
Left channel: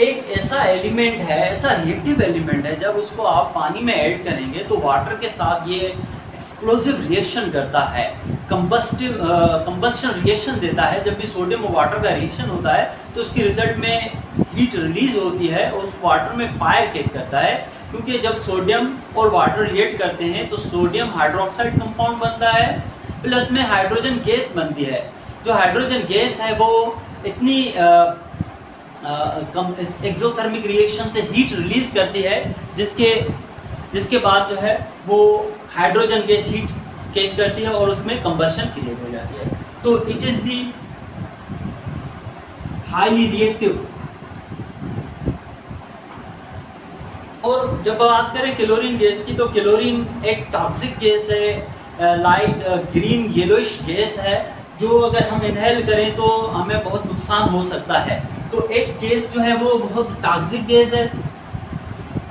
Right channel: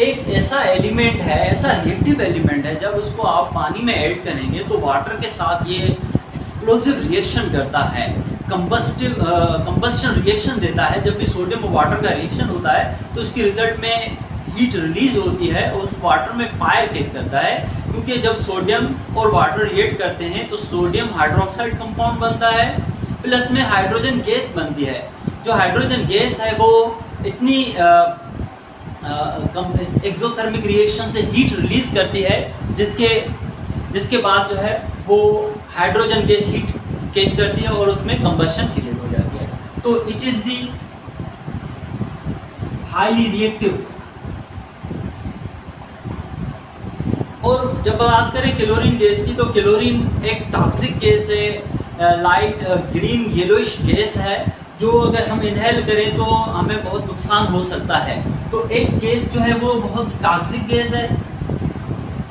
एक ऐसा एलिमेंट है, ऐसा रिएक्टिव एलिमेंट है, जब उसको आप पानी में ऐड करेंगे तो वाटर के साथ ये एक्सप्लोसिव रिएक्शन करता है, कंबस्शन रिएक्शन देता है। जब भी सोडियम और वाटर का रिएक्शन होता है तो उसकी रिजल्ट में हीट रिलीज होती है और उस वाटर में फायर किक करता है, क्योंकि जब सोडियम और वाटर रिएक्ट करते हैं तो सोडियम हाइड्रोक्साइड कंपाउंड बनता है, प्लस में हाइड्रोजन गैस बनती है। जो हाइड्रोजन गैस है वो इतनी एक्सोथर्मिक रिएक्शन से हीट रिलीज करती है जिसके बाद जो है वो हाइड्रोजन गैस हीट कैच करती है और उसमें कंबशन क्रिएट हो जाती है। तो it is the highly reactive. और जब बात करें क्लोरीन गैस की, तो क्लोरीन एक टॉक्सिक गैस है, लाइट ग्रीन येलोइश गैस है, जो अगर हम इनहेल करें तो हमें बहुत नुकसान हो सकता है। तो एक गैस जो है वो बहुत टॉक्सिक गैस है,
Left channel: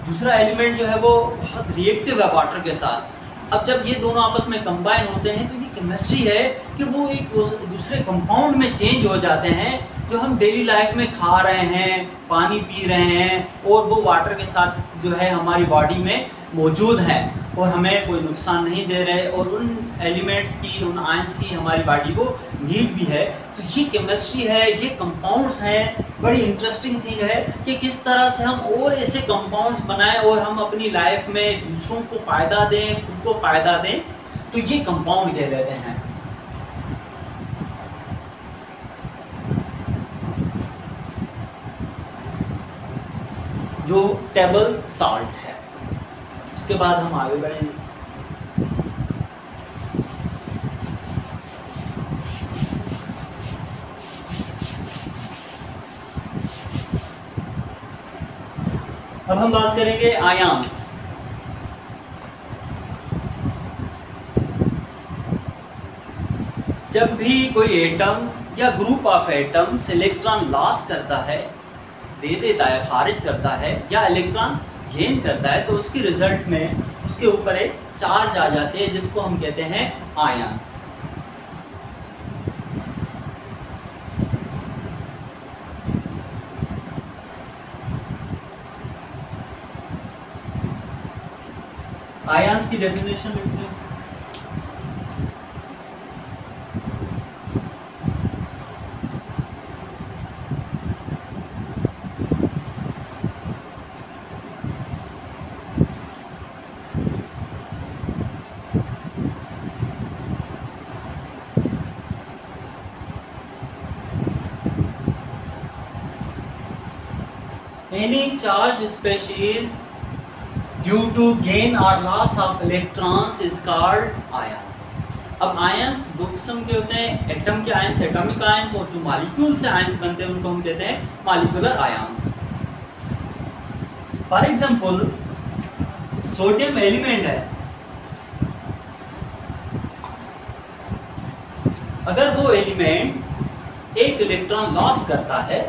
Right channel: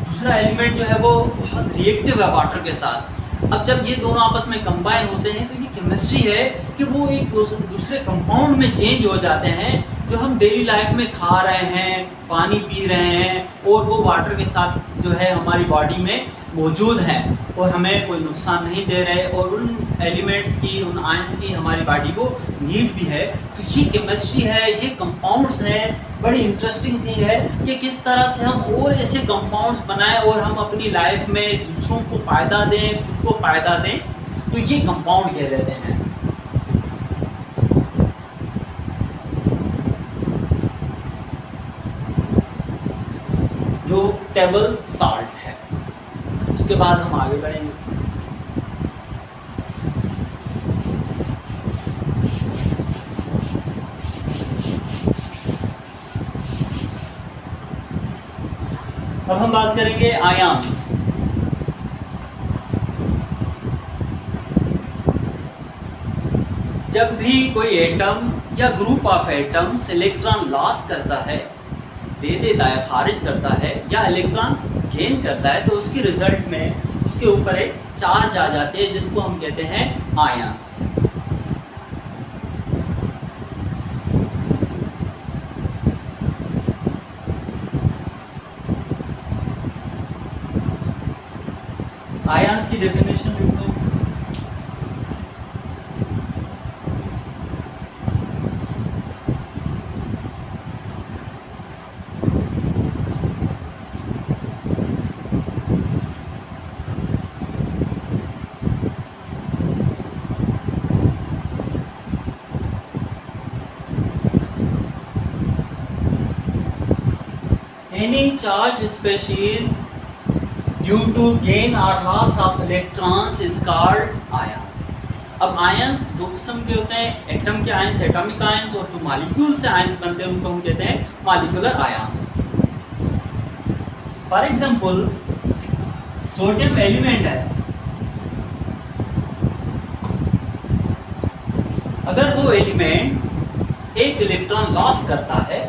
दूसरा एलिमेंट जो है वो बहुत रिएक्टिव है वाटर के साथ। अब जब ये दोनों आपस में कंबाइन होते हैं तो ये केमिस्ट्री है कि वो एक दूसरे कंपाउंड में चेंज हो जाते हैं, जो हम डेली लाइफ में खा रहे हैं, पानी पी रहे हैं, और वो वाटर के साथ जो है हमारी बॉडी में मौजूद हैं और हमें कोई नुकसान नहीं दे रहे, और उन एलिमेंट्स की, उन आयंस की हमारी बॉडी को नीड भी है। तो ये केमिस्ट्री है, ये कंपाउंड्स हैं। बड़ी इंटरेस्टिंग थिंग है कि किस तरह से हम और ऐसे कंपाउंड्स बनाएं और हम अपनी लाइफ में दूसरों को फायदा दें, खुद को फायदा दें। तो ये कंपाउंड कहलाते हैं। जो टेबल साल्ट है, उसके बाद हम आगे बढ़ेंगे। अब हम बात करेंगे आयंस। जब भी कोई एटम या group of atoms electron loss करता है, दे देता है, खारिज करता है, या इलेक्ट्रॉन गेन करता है, तो उसकी रिजल्ट में उसके ऊपर एक चार्ज आ जाती है जिसको हम कहते हैं आयंस। आयंस की डेफिनेशन लिखते हैं। Any charge species due to gain or loss of electrons is called ion. अब आयंस दो किस्म के होते हैं, एटम के आयंस, एटॉमिक आयंस, और जो मॉलिक्यूल से आयंस बनते हैं उनको हम कहते हैं molecular ions. For example sodium element है, अगर वो एलिमेंट एक इलेक्ट्रॉन लॉस करता है,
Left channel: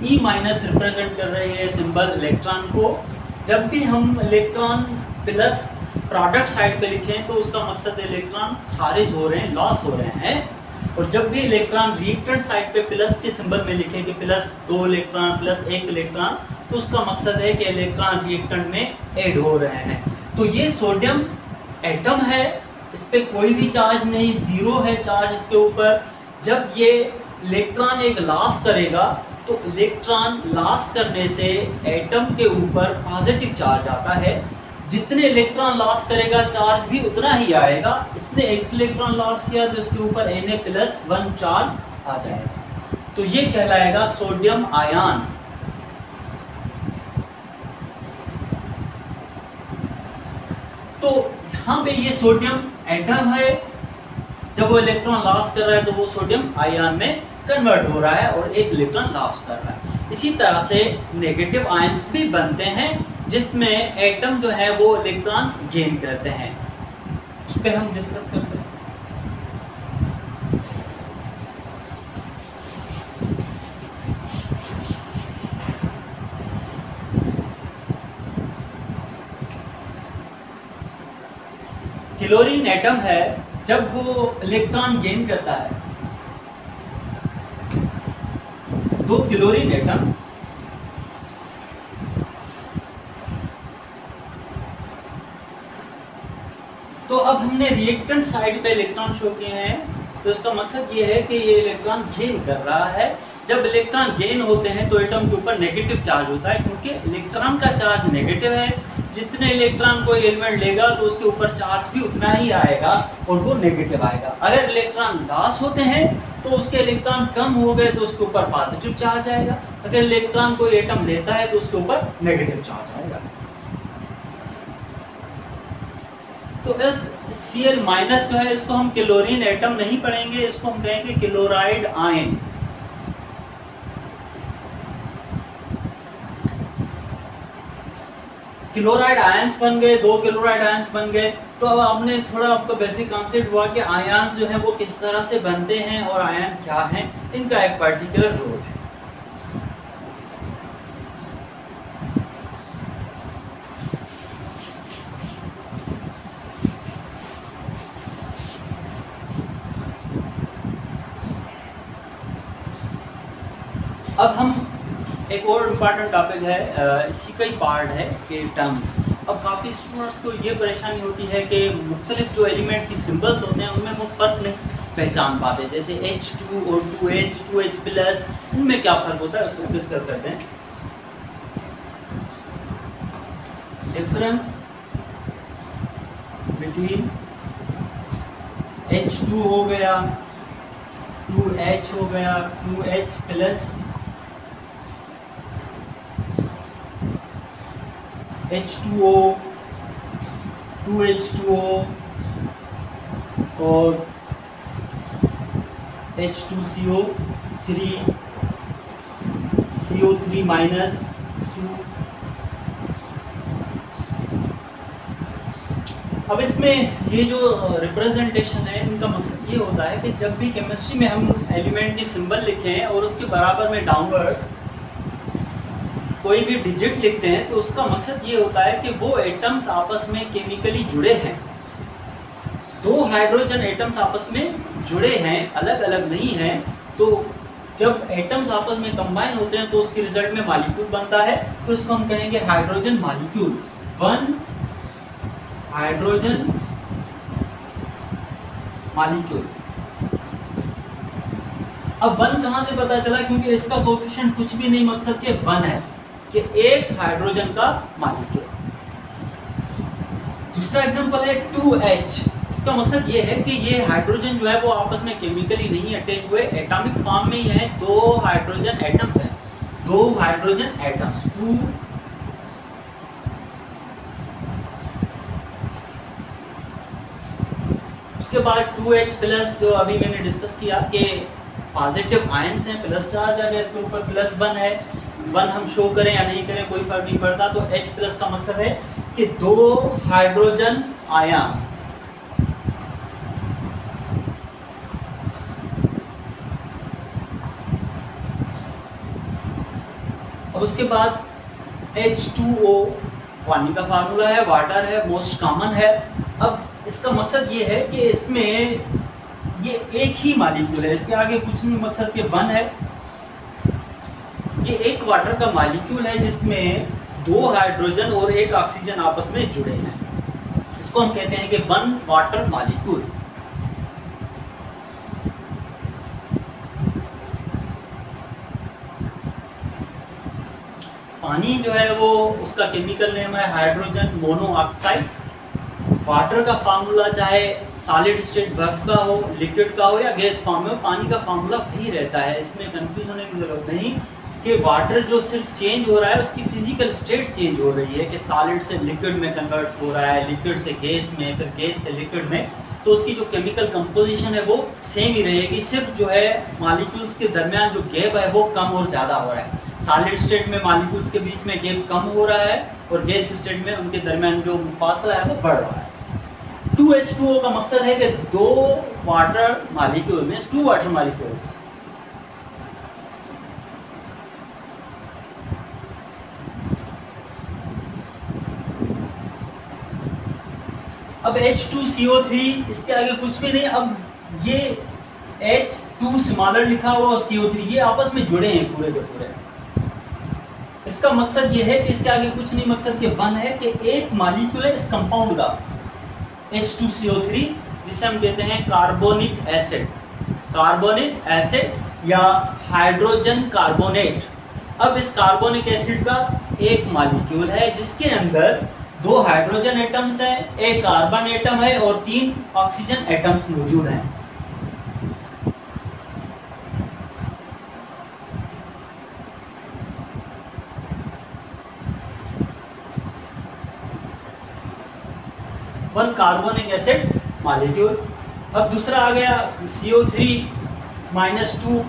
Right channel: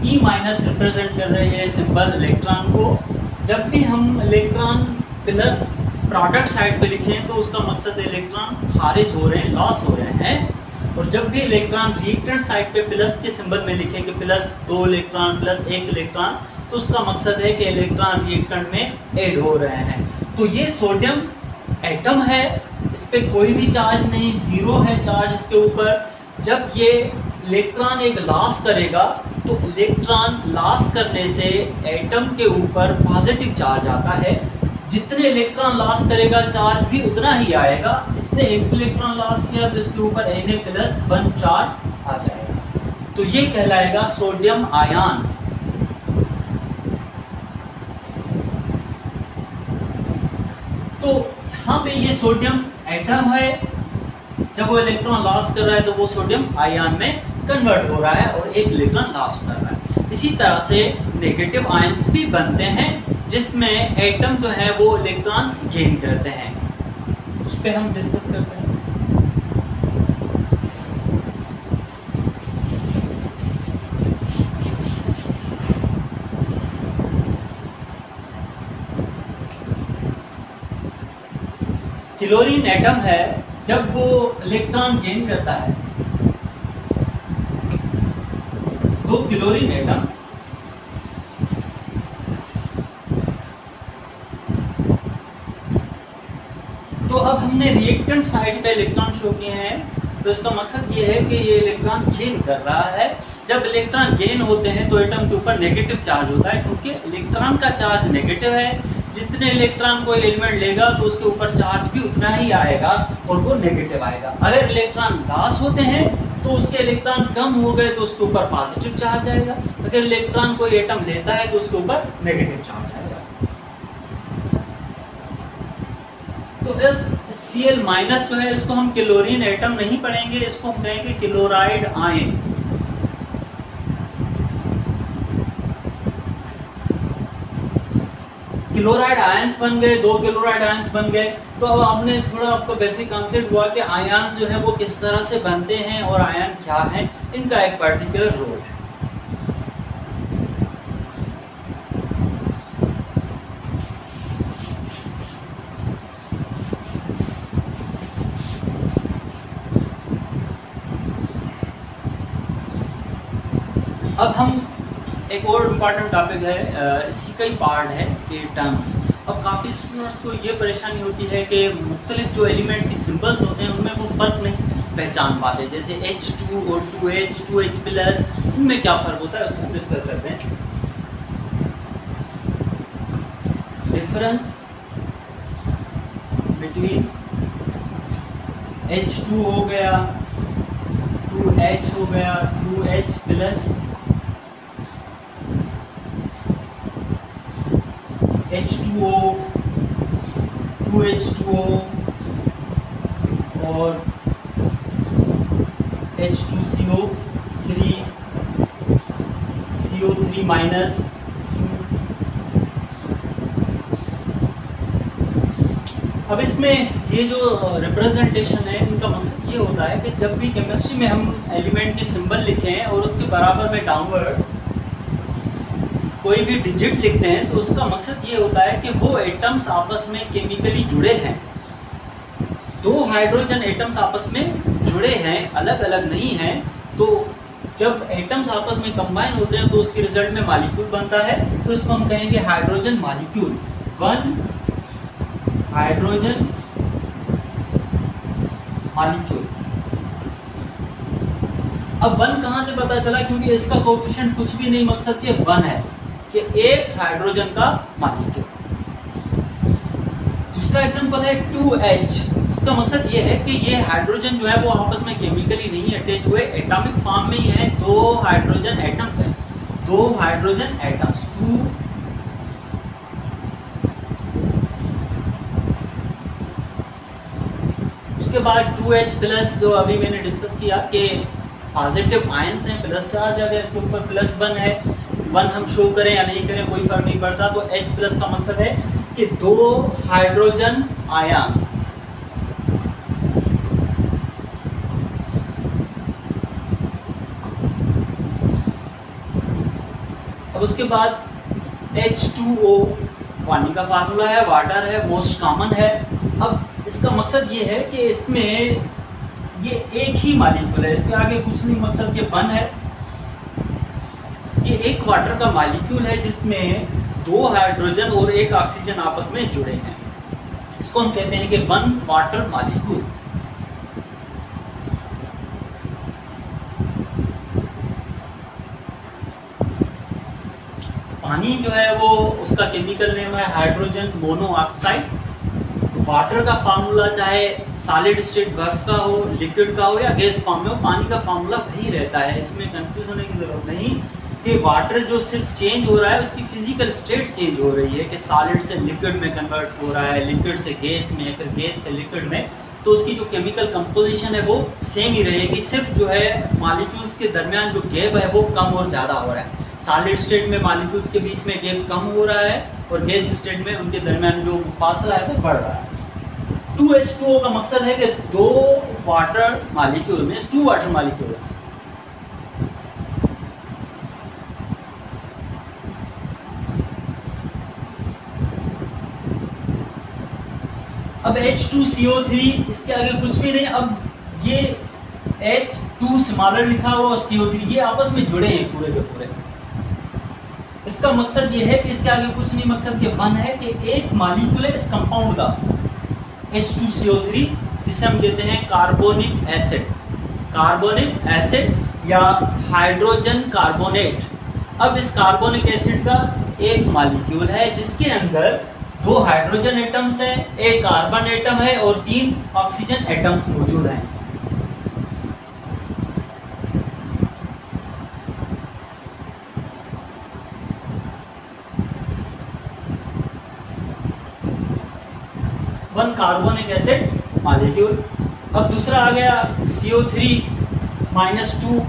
E माइनस रिप्रेजेंट कर रही है सिंबल इलेक्ट्रॉन को। जब भी हम इलेक्ट्रॉन प्लस प्रोडक्ट साइड पे लिखें तो उसका मकसद इलेक्ट्रॉन खारिज हो रहे हैं, लॉस हो रहे हैं। और जब भी इलेक्ट्रॉन रिएक्टेंट साइड पे प्लस के सिंबल में लिखें कि प्लस 2 इलेक्ट्रॉन, प्लस 1 इलेक्ट्रॉन, तो उसका मकसद है कि इलेक्ट्रॉन रिएक्टेंट में ऐड हो रहे हैं। तो ये सोडियम एटम है, इस पे कोई भी चार्ज नहीं, जीरो है चार्ज इसके ऊपर। जब ये इलेक्ट्रॉन एक लॉस करेगा तो इलेक्ट्रॉन लॉस करने से एटम के ऊपर पॉजिटिव चार्ज आता है। जितने इलेक्ट्रॉन लॉस करेगा चार्ज भी उतना ही आएगा। इसने एक इलेक्ट्रॉन लॉस किया तो इसके ऊपर Na+1 चार्ज आ जाएगा, तो ये कहलाएगा सोडियम आयन। तो यहाँ पे ये सोडियम एटम है, जब वो इलेक्ट्रॉन लॉस कर रहा है तो वो सोडियम आयन में कन्वर्ट हो रहा है और एक इलेक्ट्रॉन लॉस कर रहा है। इसी तरह से नेगेटिव आयंस भी बनते हैं जिसमें एटम जो है वो इलेक्ट्रॉन गेन करते हैं, उस पर हम डिस्कस करते हैं। क्लोरीन एटम है, जब वो इलेक्ट्रॉन गेन करता है, दो क्लोरीन एटम तो अब हमने रिएक्टेंट साइड पे इलेक्ट्रॉन शो किए हैं, तो इसका मकसद ये है कि ये इलेक्ट्रॉन गेन कर रहा है। जब इलेक्ट्रॉन गेन होते हैं तो एटम के ऊपर नेगेटिव चार्ज होता है, क्योंकि इलेक्ट्रॉन का चार्ज नेगेटिव है। जितने इलेक्ट्रॉन कोई एलिमेंट लेगा तो उसके ऊपर चार्ज भी उतना ही आएगा और वो नेगेटिव आएगा। अगर इलेक्ट्रॉन लॉस होते हैं तो उसके इलेक्ट्रॉन कम हो गए तो उसके ऊपर पॉजिटिव चार्ज आएगा। अगर इलेक्ट्रॉन कोई एटम लेता है तो उसके ऊपर नेगेटिव चार्ज आएगा। तो Cl- जो है इसको हम क्लोरीन एटम नहीं पढ़ेंगे, इसको हम कहेंगे क्लोराइड आयन। क्लोराइड आयंस बन गए, दो क्लोराइड आयंस बन गए। तो अब हमने थोड़ा आपको बेसिक कॉन्सेप्ट हुआ कि आयंस जो है वो किस तरह से बनते हैं और आयन क्या है, इनका एक पर्टिकुलर रोल है। अब हम एक और इम्पॉर्टेंट टॉपिक है, इसी का ही पार्ट है कि टर्म्स। अब काफी स्टूडेंट्स को ये परेशानी होती है कि मुख्तलिफ जो एलिमेंट्स की सिंबल्स होते हैं उनमें वो फर्क नहीं पहचान पाते, जैसे H2 और 2H, 2H+, इनमें क्या फर्क होता है उसको डिस्कस करते हैं। डिफरेंस बिटवीन H2 हो गया, 2H हो गया, 2H+, H2O, 2H2O और H2CO3, CO3-2। अब इसमें ये जो रिप्रेजेंटेशन है इनका मकसद ये होता है कि जब भी केमिस्ट्री में हम एलिमेंट की सिंबल लिखे हैं और उसके बराबर में डाउनवर्ड कोई भी डिजिट लिखते हैं तो उसका मकसद ये होता है कि वो एटम्स आपस में केमिकली जुड़े हैं। दो हाइड्रोजन एटम्स आपस में जुड़े हैं, अलग अलग नहीं हैं। तो जब एटम्स आपस में कंबाइन होते हैं तो उसके रिजल्ट में मॉलिक्यूल बनता है, तो इसको हम कहेंगे hydrogen molecule. One hydrogen molecule. अब वन कहां से पता चला, क्योंकि इसका कोएफिशिएंट कुछ भी नहीं, मकसद ये वन है कि एक हाइड्रोजन का मॉलिक्यूल। दूसरा एग्जांपल है 2H। इसका मकसद ये है कि ये हाइड्रोजन जो है वो आपस में केमिकली नहीं अटैच हुए, एटॉमिक फॉर्म में ही है। दो हाइड्रोजन एटम्स हैं, दो हाइड्रोजन एटम्स, 2 उसके बाद 2H+ जो अभी मैंने डिस्कस किया कि पॉजिटिव आयंस हैं, प्लस चार्ज आ गया, इसके ऊपर +1 है। 1 हम शो करें या नहीं करें कोई फर्क नहीं पड़ता। तो H+ का मतलब है कि दो हाइड्रोजन आयन। अब उसके बाद H2O पानी का फार्मूला है, वाटर है, मोस्ट कॉमन है। अब इसका मकसद ये है कि इसमें ये एक ही मॉलिक्यूल है, इसके आगे कुछ नहीं, मकसद ये वन है ये एक वाटर का मॉलिक्यूल है जिसमें 2 हाइड्रोजन और 1 ऑक्सीजन आपस में जुड़े हैं। इसको हम कहते हैं कि वन वाटर मॉलिक्यूल। पानी जो है वो उसका केमिकल नेम है हाइड्रोजन मोनोऑक्साइड। वाटर का फार्मूला चाहे सॉलिड स्टेट बर्फ का हो, लिक्विड का हो या गैस फॉर्म में हो, पानी का फार्मूला वही रहता है। इसमें कंफ्यूज होने की जरूरत नहीं कि वाटर जो सिर्फ चेंज हो रहा है उसकी फिजिकल स्टेट चेंज हो रही है कि सॉलिड से लिक्विड में कन्वर्ट हो रहा है, लिक्विड से गैस में, फिर गैस से लिक्विड में, तो उसकी जो केमिकल कंपोजिशन है वो सेम ही रहेगी। सिर्फ जो है मॉलिक्यूल्स के दरमियान जो गैप है वो कम और ज्यादा हो रहा है। सॉलिड स्टेट में मॉलिक्यूल्स के बीच में गैप कम हो रहा है और गैस स्टेट में उनके दरमियान जो फासला है वो बढ़ रहा है। 2H2O का मकसद है कि 2 वाटर मॉलिक्यूल में 2 वाटर मॉलिक्यूल्स। अब H2CO3 इसके आगे कुछ भी नहीं। अब ये H2 स्मॉलर लिखा हुआ और CO3 ये आपस में जुड़े हैं पूरे के पूरे। इसका मकसद ये है कि इसके आगे कुछ नहीं, मकसद ये वन है कि एक मॉलिक्यूल है इस कंपाउंड का H2CO3 जिसे हम कहते हैं कार्बोनिक एसिड। कार्बोनिक एसिड या हाइड्रोजन कार्बोनेट। अब इस कार्बोनिक एसिड का एक मॉलिक्यूल है जिसके अंदर 2 हाइड्रोजन एटम्स हैं, 1 कार्बन एटम है और 3 ऑक्सीजन एटम्स मौजूद हैं। One carbonic acid molecule. अब दूसरा आ गया CO3-2,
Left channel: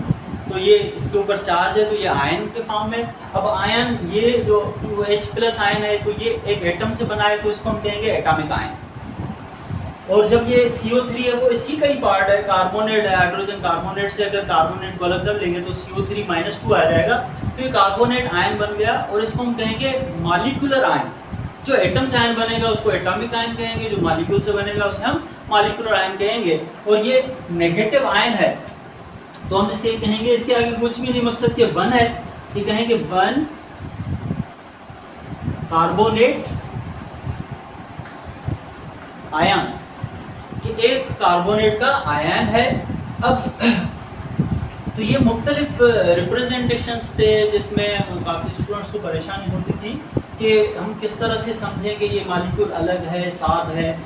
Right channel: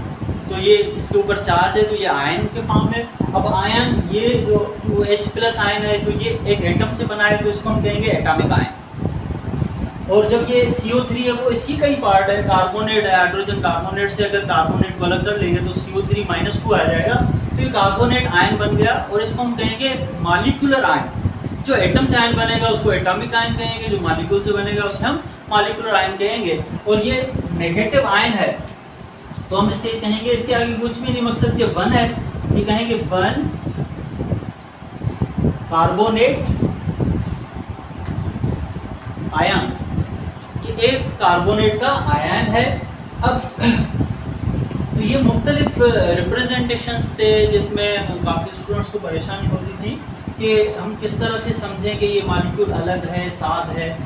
तो ये इसके ऊपर चार्ज है तो ये आयन के फॉर्म में। अब आयन ये जो 2H+ आयन है तो ये एक एटम से बना है तो इसको हम कहेंगे एटॉमिक आयन। और जब ये CO3 है वो इसी का ही पार्ट है, कार्बोनेट है, हाइड्रोजन कार्बोनेट से अगर कार्बोनेट को अलग कर लेंगे तो CO3-2 आ जाएगा, तो ये कार्बोनेट आयन बन गया और इसको हम कहेंगे मॉलिक्यूलर आयन। जो एटम से आयन बनेगा उसको एटॉमिक आयन कहेंगे, जो मॉलिक्यूल से बनेगा उसे हम मॉलिक्यूलर आयन कहेंगे। और ये नेगेटिव आयन है तो हम इसे कहेंगे, इसके आगे कुछ भी नहीं, मकसद के वन है, ये कहेंगे वन कार्बोनेट आयन, कि एक कार्बोनेट का आयन है। अब तो ये मुख्तलिफ रिप्रेजेंटेशंस थे जिसमें काफी स्टूडेंट्स को परेशानी होती थी कि हम किस तरह से समझें कि ये मॉलिक्यूल अलग है, साथ है,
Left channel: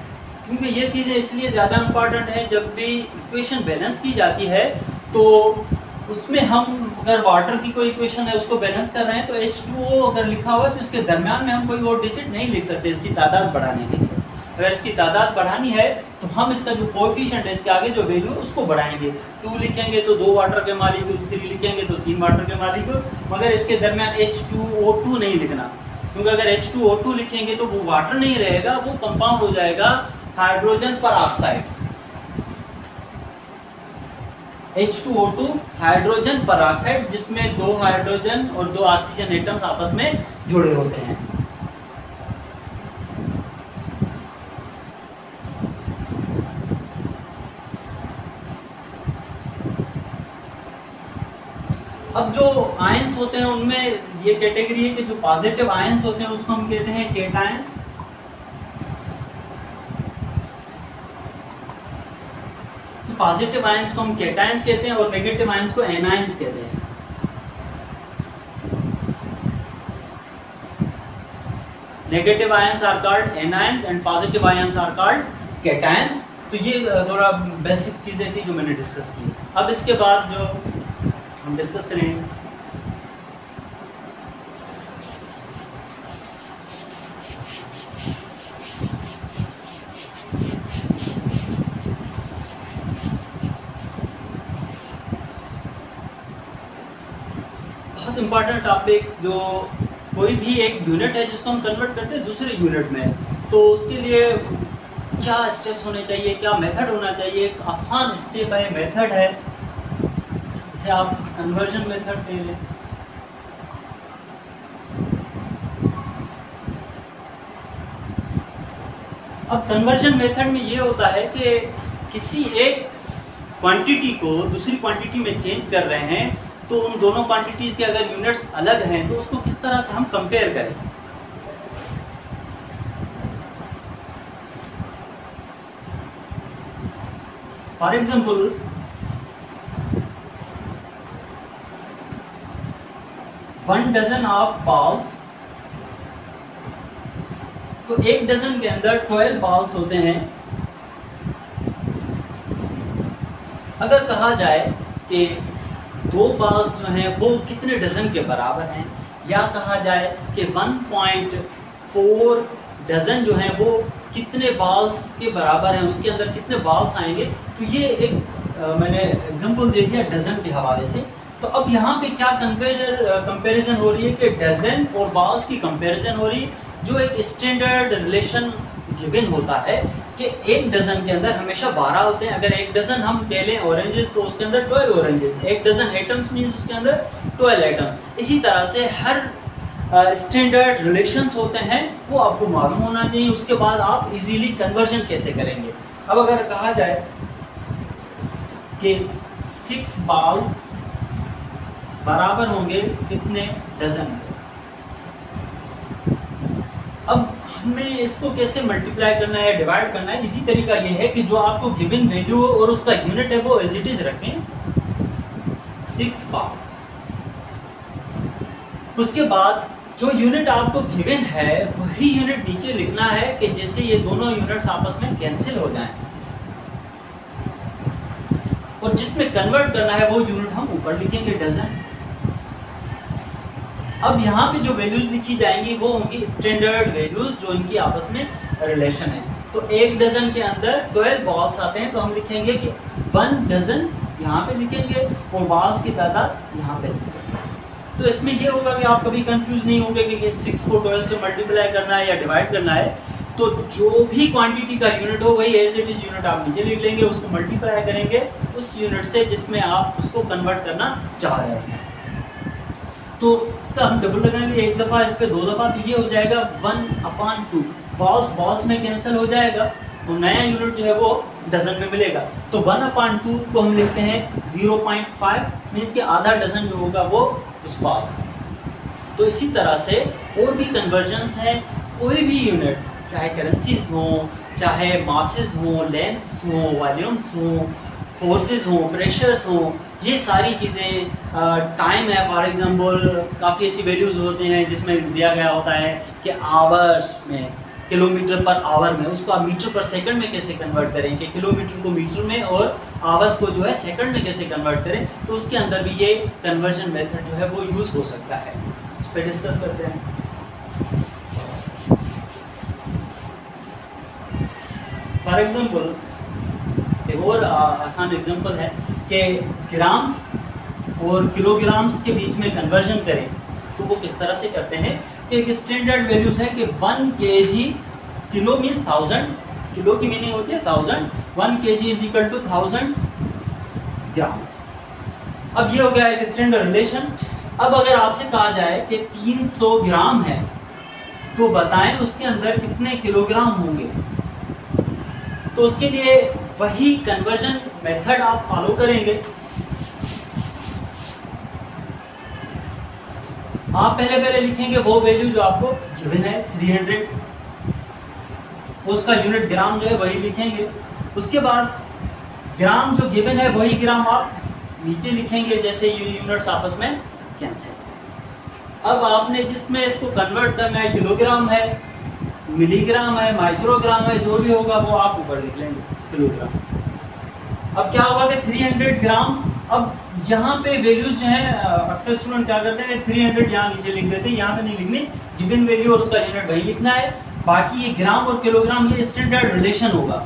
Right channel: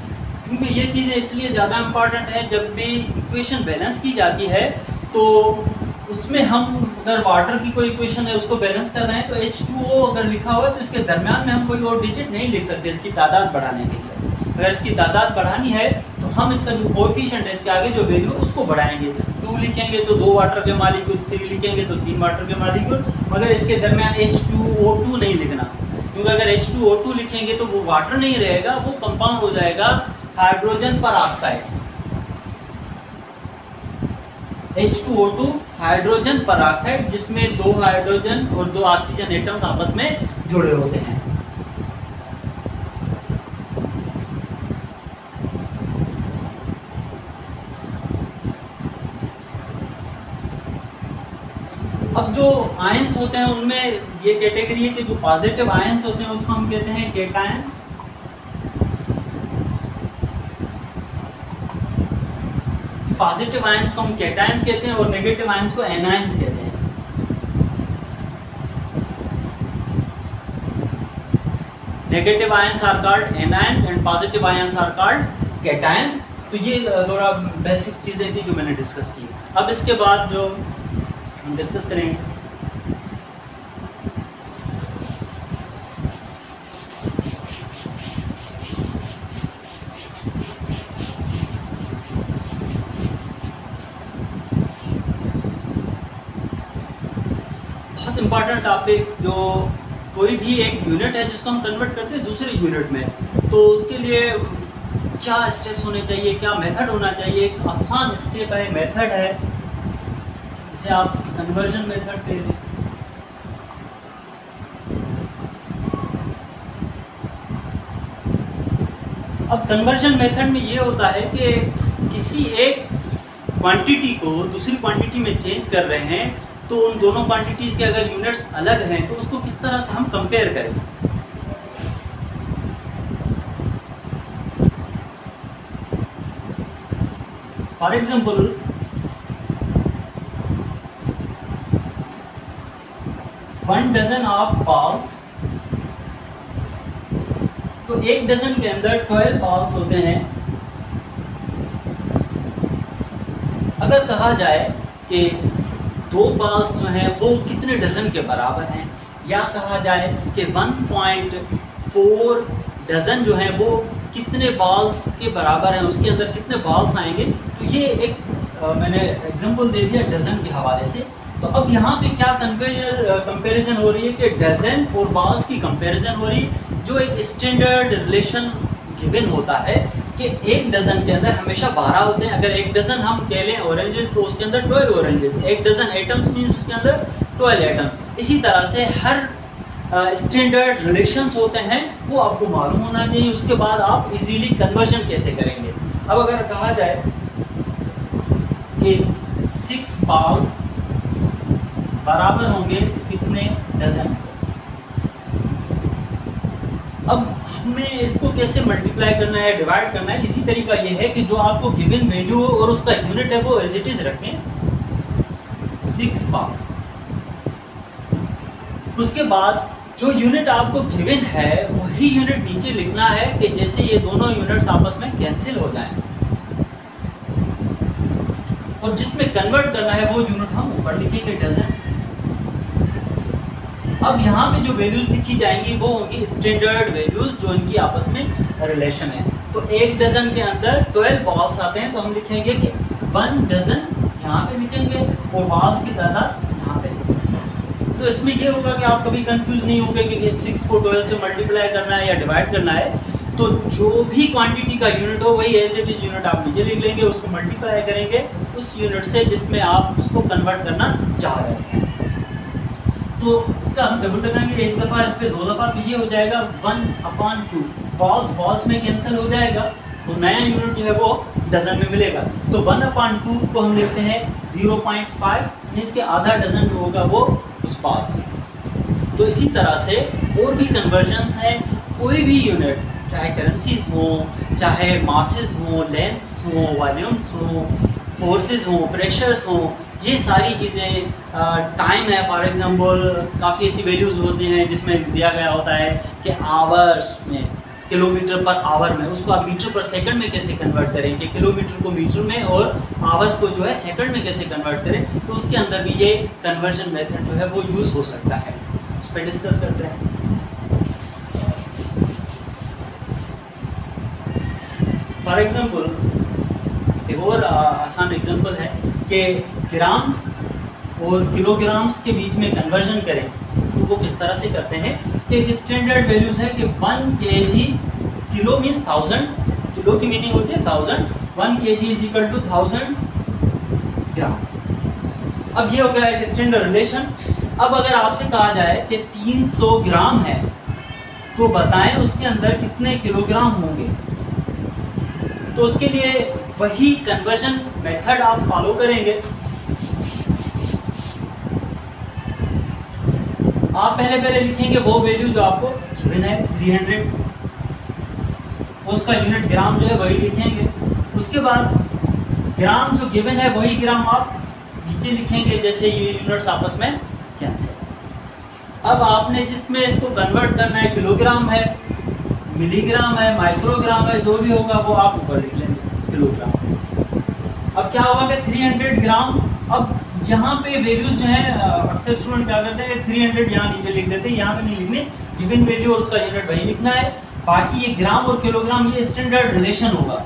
क्योंकि ये चीजें इसलिए ज्यादा इंपॉर्टेंट है। जब भी इक्वेशन बैलेंस की जाती है तो उसमें हम अगर वाटर की कोई इक्वेशन है उसको बैलेंस कर रहे हैं तो H2O अगर लिखा हुआ है तो इसके दरमियान में हम कोई और डिजिट नहीं लिख सकते इसकी तादाद बढ़ाने के लिए। अगर इसकी तादाद बढ़ानी है तो हम इसका जो कोएफिशिएंट है इसके आगे जो वैल्यू है उसको बढ़ाएंगे। 2 लिखेंगे तो 2 वाटर के मॉलिक्यूल, 3 लिखेंगे तो 3 वाटर के मॉलिक्यूल, मगर इसके दरमियान H2O2 नहीं लिखना, क्योंकि अगर H2O2 लिखेंगे तो वो वाटर नहीं रहेगा, वो कंपाउंड हो जाएगा हाइड्रोजन पर ऑक्साइड। H2O2 हाइड्रोजन पर ऑक्साइड जिसमें 2 हाइड्रोजन और 2 ऑक्सीजन एटम्स आपस में जुड़े होते हैं। अब जो आयंस होते हैं उनमें ये कैटेगरी है कि जो पॉजिटिव आयंस होते हैं उसको हम कहते हैं केटायन। पॉजिटिव आयंस को हम केटायंस कहते हैं और नेगेटिव आयंस को एनायंस कहते हैं। Negative ions are called anions and positive ions are called cations. तो ये थोड़ा बेसिक चीजें थी जो मैंने डिस्कस की। अब इसके बाद जो हम डिस्कस करेंगे बहुत इंपॉर्टेंट टॉपिक, जो कोई भी एक यूनिट है जिसको हम कन्वर्ट करते हैं दूसरे यूनिट में, तो उसके लिए क्या स्टेप्स होने चाहिए, क्या मेथड होना चाहिए। एक आसान स्टेप है, मेथड है, इसे आप कन्वर्जन मेथड कह लें। अब कन्वर्जन मेथड में ये होता है कि किसी एक क्वांटिटी को दूसरी क्वांटिटी में चेंज कर रहे हैं तो उन दोनों क्वांटिटीज के अगर यूनिट्स अलग हैं तो उसको किस तरह से हम कंपेयर करें। For example, one dozen of balls, तो एक डजन के अंदर 12 बॉल्स होते हैं। अगर कहा जाए कि 2 बॉल्स जो हैं वो कितने डजन के बराबर हैं, या कहा जाए कि 1.4 डजन जो हैं वो कितने बॉल्स के बराबर हैं, उसके अंदर कितने बॉल्स आएंगे, तो ये एक मैंने एग्जांपल दे दिया डजन के हवाले से। तो अब यहाँ पे क्या कंपैरिजन हो रही है कि डजन और बॉल्स की कंपैरिजन हो रही है, जो एक स्टैंडर्ड रिलेशन गिवन होता है कि एक डजन के अंदर हमेशा 12 होते हैं। अगर एक डजन हम कह लें ऑरेंजेस तो उसके अंदर 12 ऑरेंजेस, एक डजन एटम्स मींस उसके अंदर 12 एटम्स। इसी तरह से हर स्टैंडर्ड रिलेशंस होते हैं, वो आपको मालूम होना चाहिए। उसके बाद आप इजीली कन्वर्जन कैसे करेंगे। अब अगर कहा जाए कि 6 बॉल्स बराबर होंगे कितने डजन, अब हमें इसको कैसे मल्टीप्लाई करना है, डिवाइड करना है। इसी तरीका ये है कि जो आपको गिवन वैल्यू हो और उसका यूनिट है वो एज इट इज रखें, 6 बॉल। उसके बाद जो यूनिट आपको गिवन है वही यूनिट नीचे लिखना है कि जैसे ये दोनों यूनिट्स आपस में कैंसिल हो जाएं, और जिसमें कन्वर्ट करना है वो यूनिट हम ऊपर लिखेंगे डजन। अब यहाँ पे जो वैल्यूज लिखी जाएंगी वो होंगी स्टैंडर्ड वैल्यूज जो इनकी आपस में रिलेशन है। तो एक डजन के अंदर 12 बॉल्स आते हैं तो हम लिखेंगे कि 1 डजन यहाँ पे लिखेंगे और बॉल्स की तादाद यहाँ पे लिखेंगे। तो इसमें ये होगा कि आप कभी कंफ्यूज नहीं होंगे कि 6 को 12 से मल्टीप्लाई करना है या डिवाइड करना है। तो जो भी क्वांटिटी का यूनिट हो वही एज इट इज यूनिट आप नीचे लिख लेंगे, उसको मल्टीप्लाई करेंगे उस यूनिट से जिसमें आप उसको कन्वर्ट करना चाह रहे हैं। तो इसका हम डबल लगाएंगे, एक दफा इस पे 2 दफा, तो ये हो जाएगा 1/2। बॉल्स में कैंसिल हो जाएगा तो नया यूनिट जो है वो डजन में मिलेगा। तो 1/2 को हम लिखते हैं 0.5, मींस के आधा डजन जो होगा वो उस बॉल्स में। तो इसी तरह से और भी कन्वर्जन्स हैं, कोई भी यूनिट चाहे करेंसीज हो, चाहे मासेस हो, लेंथ्स हो, वॉल्यूम्स हो, फोर्सेस हो, प्रेशर्स हो, ये सारी चीजें, टाइम है फॉर एग्जांपल, काफी ऐसी वैल्यूज होती हैं जिसमें दिया गया होता है कि आवर्स में, किलोमीटर पर आवर में, उसको आप मीटर पर सेकंड में कैसे कन्वर्ट करें, कि किलोमीटर को मीटर में और आवर्स को जो है सेकंड में कैसे कन्वर्ट करें। तो उसके अंदर भी ये कन्वर्जन मेथड जो है वो यूज हो सकता है, उस पर डिस्कस करते हैं। फॉर एग्जाम्पल एक और आसान एग्जाम्पल है कि ग्राम्स और किलोग्राम्स के बीच में कन्वर्जन करें तो वो किस तरह से करते हैं कि एक स्टैंडर्ड वैल्यूज है कि 1 kg, किलो मीन्स 1000, किलो की मीनिंग होती है 1000, 1 kg is equal to 1000 grams. अब ये हो गया एक स्टैंडर्ड रिलेशन। अब अगर आपसे कहा जाए कि 300 ग्राम है तो बताएं उसके अंदर कितने किलोग्राम होंगे, तो उसके लिए वही कन्वर्जन मेथड आप फॉलो करेंगे। आप पहले लिखेंगे वो वैल्यू जो आपको गिवन है 300, उसका यूनिट ग्राम जो है वही लिखेंगे। उसके बाद ग्राम जो गिवन है वही ग्राम आप नीचे लिखेंगे, जैसे ये यूनिट्स आपस में कैंसिल। अब आपने जिसमें इसको कन्वर्ट करना है, किलोग्राम है, मिलीग्राम है, माइक्रोग्राम है, जो भी होगा वो आप ऊपर लिख लेंगे किलोग्राम। अब क्या होगा कि 300 ग्राम, अब यहाँ पे वैल्यूज जो है अक्सर स्टूडेंट क्या करते हैं 300 यहाँ नीचे लिख देते हैं, यहाँ पे नहीं लिखने, गिवन वैल्यू और उसका यूनिट वही लिखना है। बाकी ये ग्राम और किलोग्राम ये स्टैंडर्ड रिलेशन होगा।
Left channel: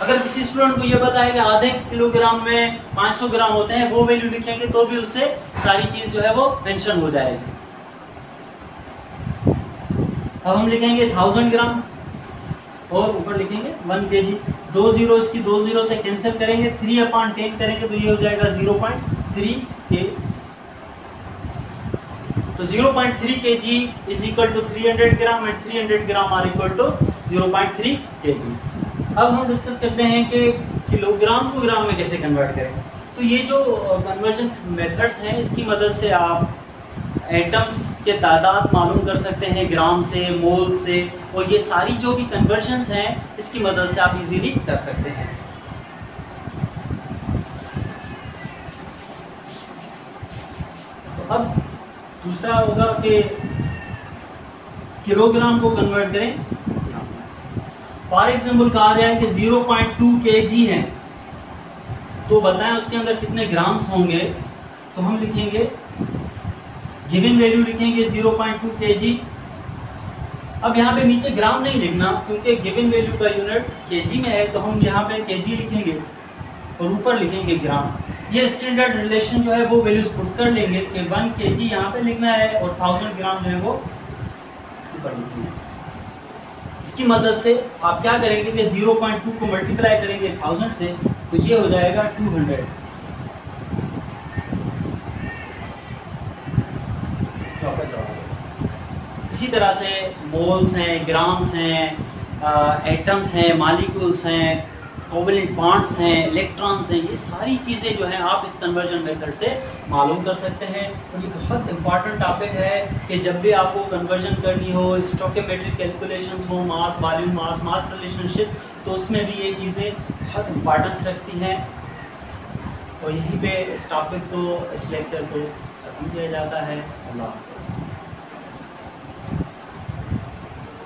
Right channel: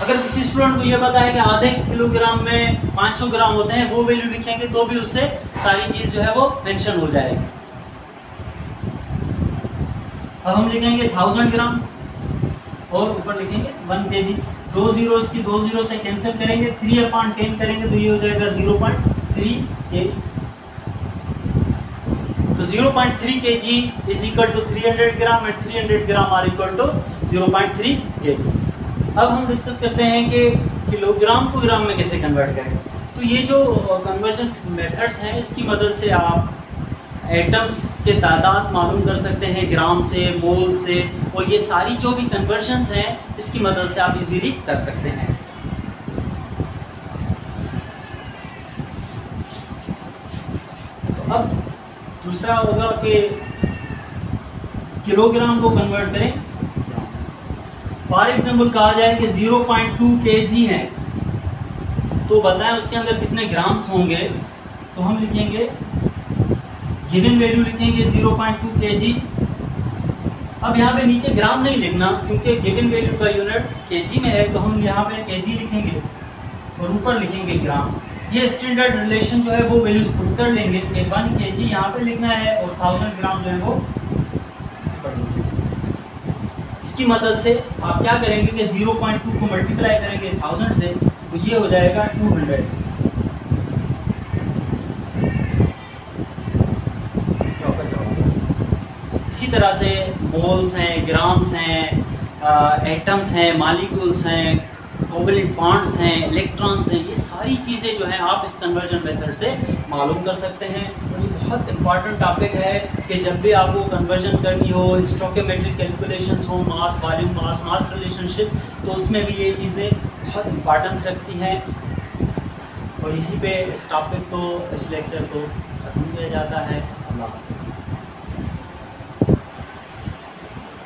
अगर किसी स्टूडेंट को ये पता है कि आधे किलोग्राम में 500 ग्राम होते हैं, वो वैल्यू लिखेंगे तो भी उससे सारी चीज जो है वो मेंशन हो जाएगी। अब हम लिखेंगे 1000 ग्राम और ऊपर लिखेंगे 1 kg। 2 जीरो इसकी 2 जीरो से कैंसिल करेंगे, 3/10 करेंगे तो ये हो जाएगा 0.3 kg। तो 0.3 kg is equal to 300 gram and 300 gram are equal to 0.3 kg। अब हम डिस्कस करते हैं कि किलोग्राम को ग्राम में कैसे कन्वर्ट करें। तो ये जो कन्वर्जन मेथड्स हैं, इसकी मदद से आप एटम्स के तादाद मालूम कर सकते हैं ग्राम से, मोल से, और ये सारी जो भी कन्वर्जन्स हैं इसकी मदद से आप इजीली कर सकते हैं। तो अब दूसरा होगा कि किलोग्राम को कन्वर्ट करें। फॉर एग्जाम्पल कहा जाए कि 0.2 kg है, तो बताएं उसके अंदर कितने ग्राम्स होंगे। तो हम लिखेंगे, गिवन वैल्यू लिखेंगे 0.2 kg। अब यहाँ पे नीचे ग्राम नहीं लिखना, क्योंकि गिवन वैल्यू का यूनिट kg में है, तो हम यहाँ पे kg लिखेंगे और ऊपर लिखेंगे ग्राम। ये स्टैंडर्ड रिलेशन जो है वो वैल्यूज पुट कर लेंगे कि 1 kg यहाँ पे लिखना है और 1000 ग्राम जो है वो ऊपर लिखेंगे। इसकी मदद से आप क्या करेंगे कि 0.2 को मल्टीप्लाई करेंगे 1000 से, तो ये हो जाएगा 200। इसी तरह से मोल्स हैं, ग्राम्स हैं, एटम्स हैं, मॉलिक्यूल्स हैं, कोवेलेंट बॉन्ड्स हैं, इलेक्ट्रॉन्स हैं, ये सारी चीजें जो हैं आप इस कन्वर्जन मेथड से मालूम कर सकते हैं। और ये बहुत इंपॉर्टेंट टॉपिक है कि जब भी आपको कन्वर्जन करनी हो, स्टोइकोमेट्रिक कैलकुलेशंस हो, मास वॉल्यूम मास रिलेशनशिप, तो उसमें भी ये चीजें बहुत इंपॉर्टेंस रखती हैं। और यहीं पे इस टॉपिक को, इस लेक्चर को खत्म किया जाता है। अल्लाह हाफ़िज़।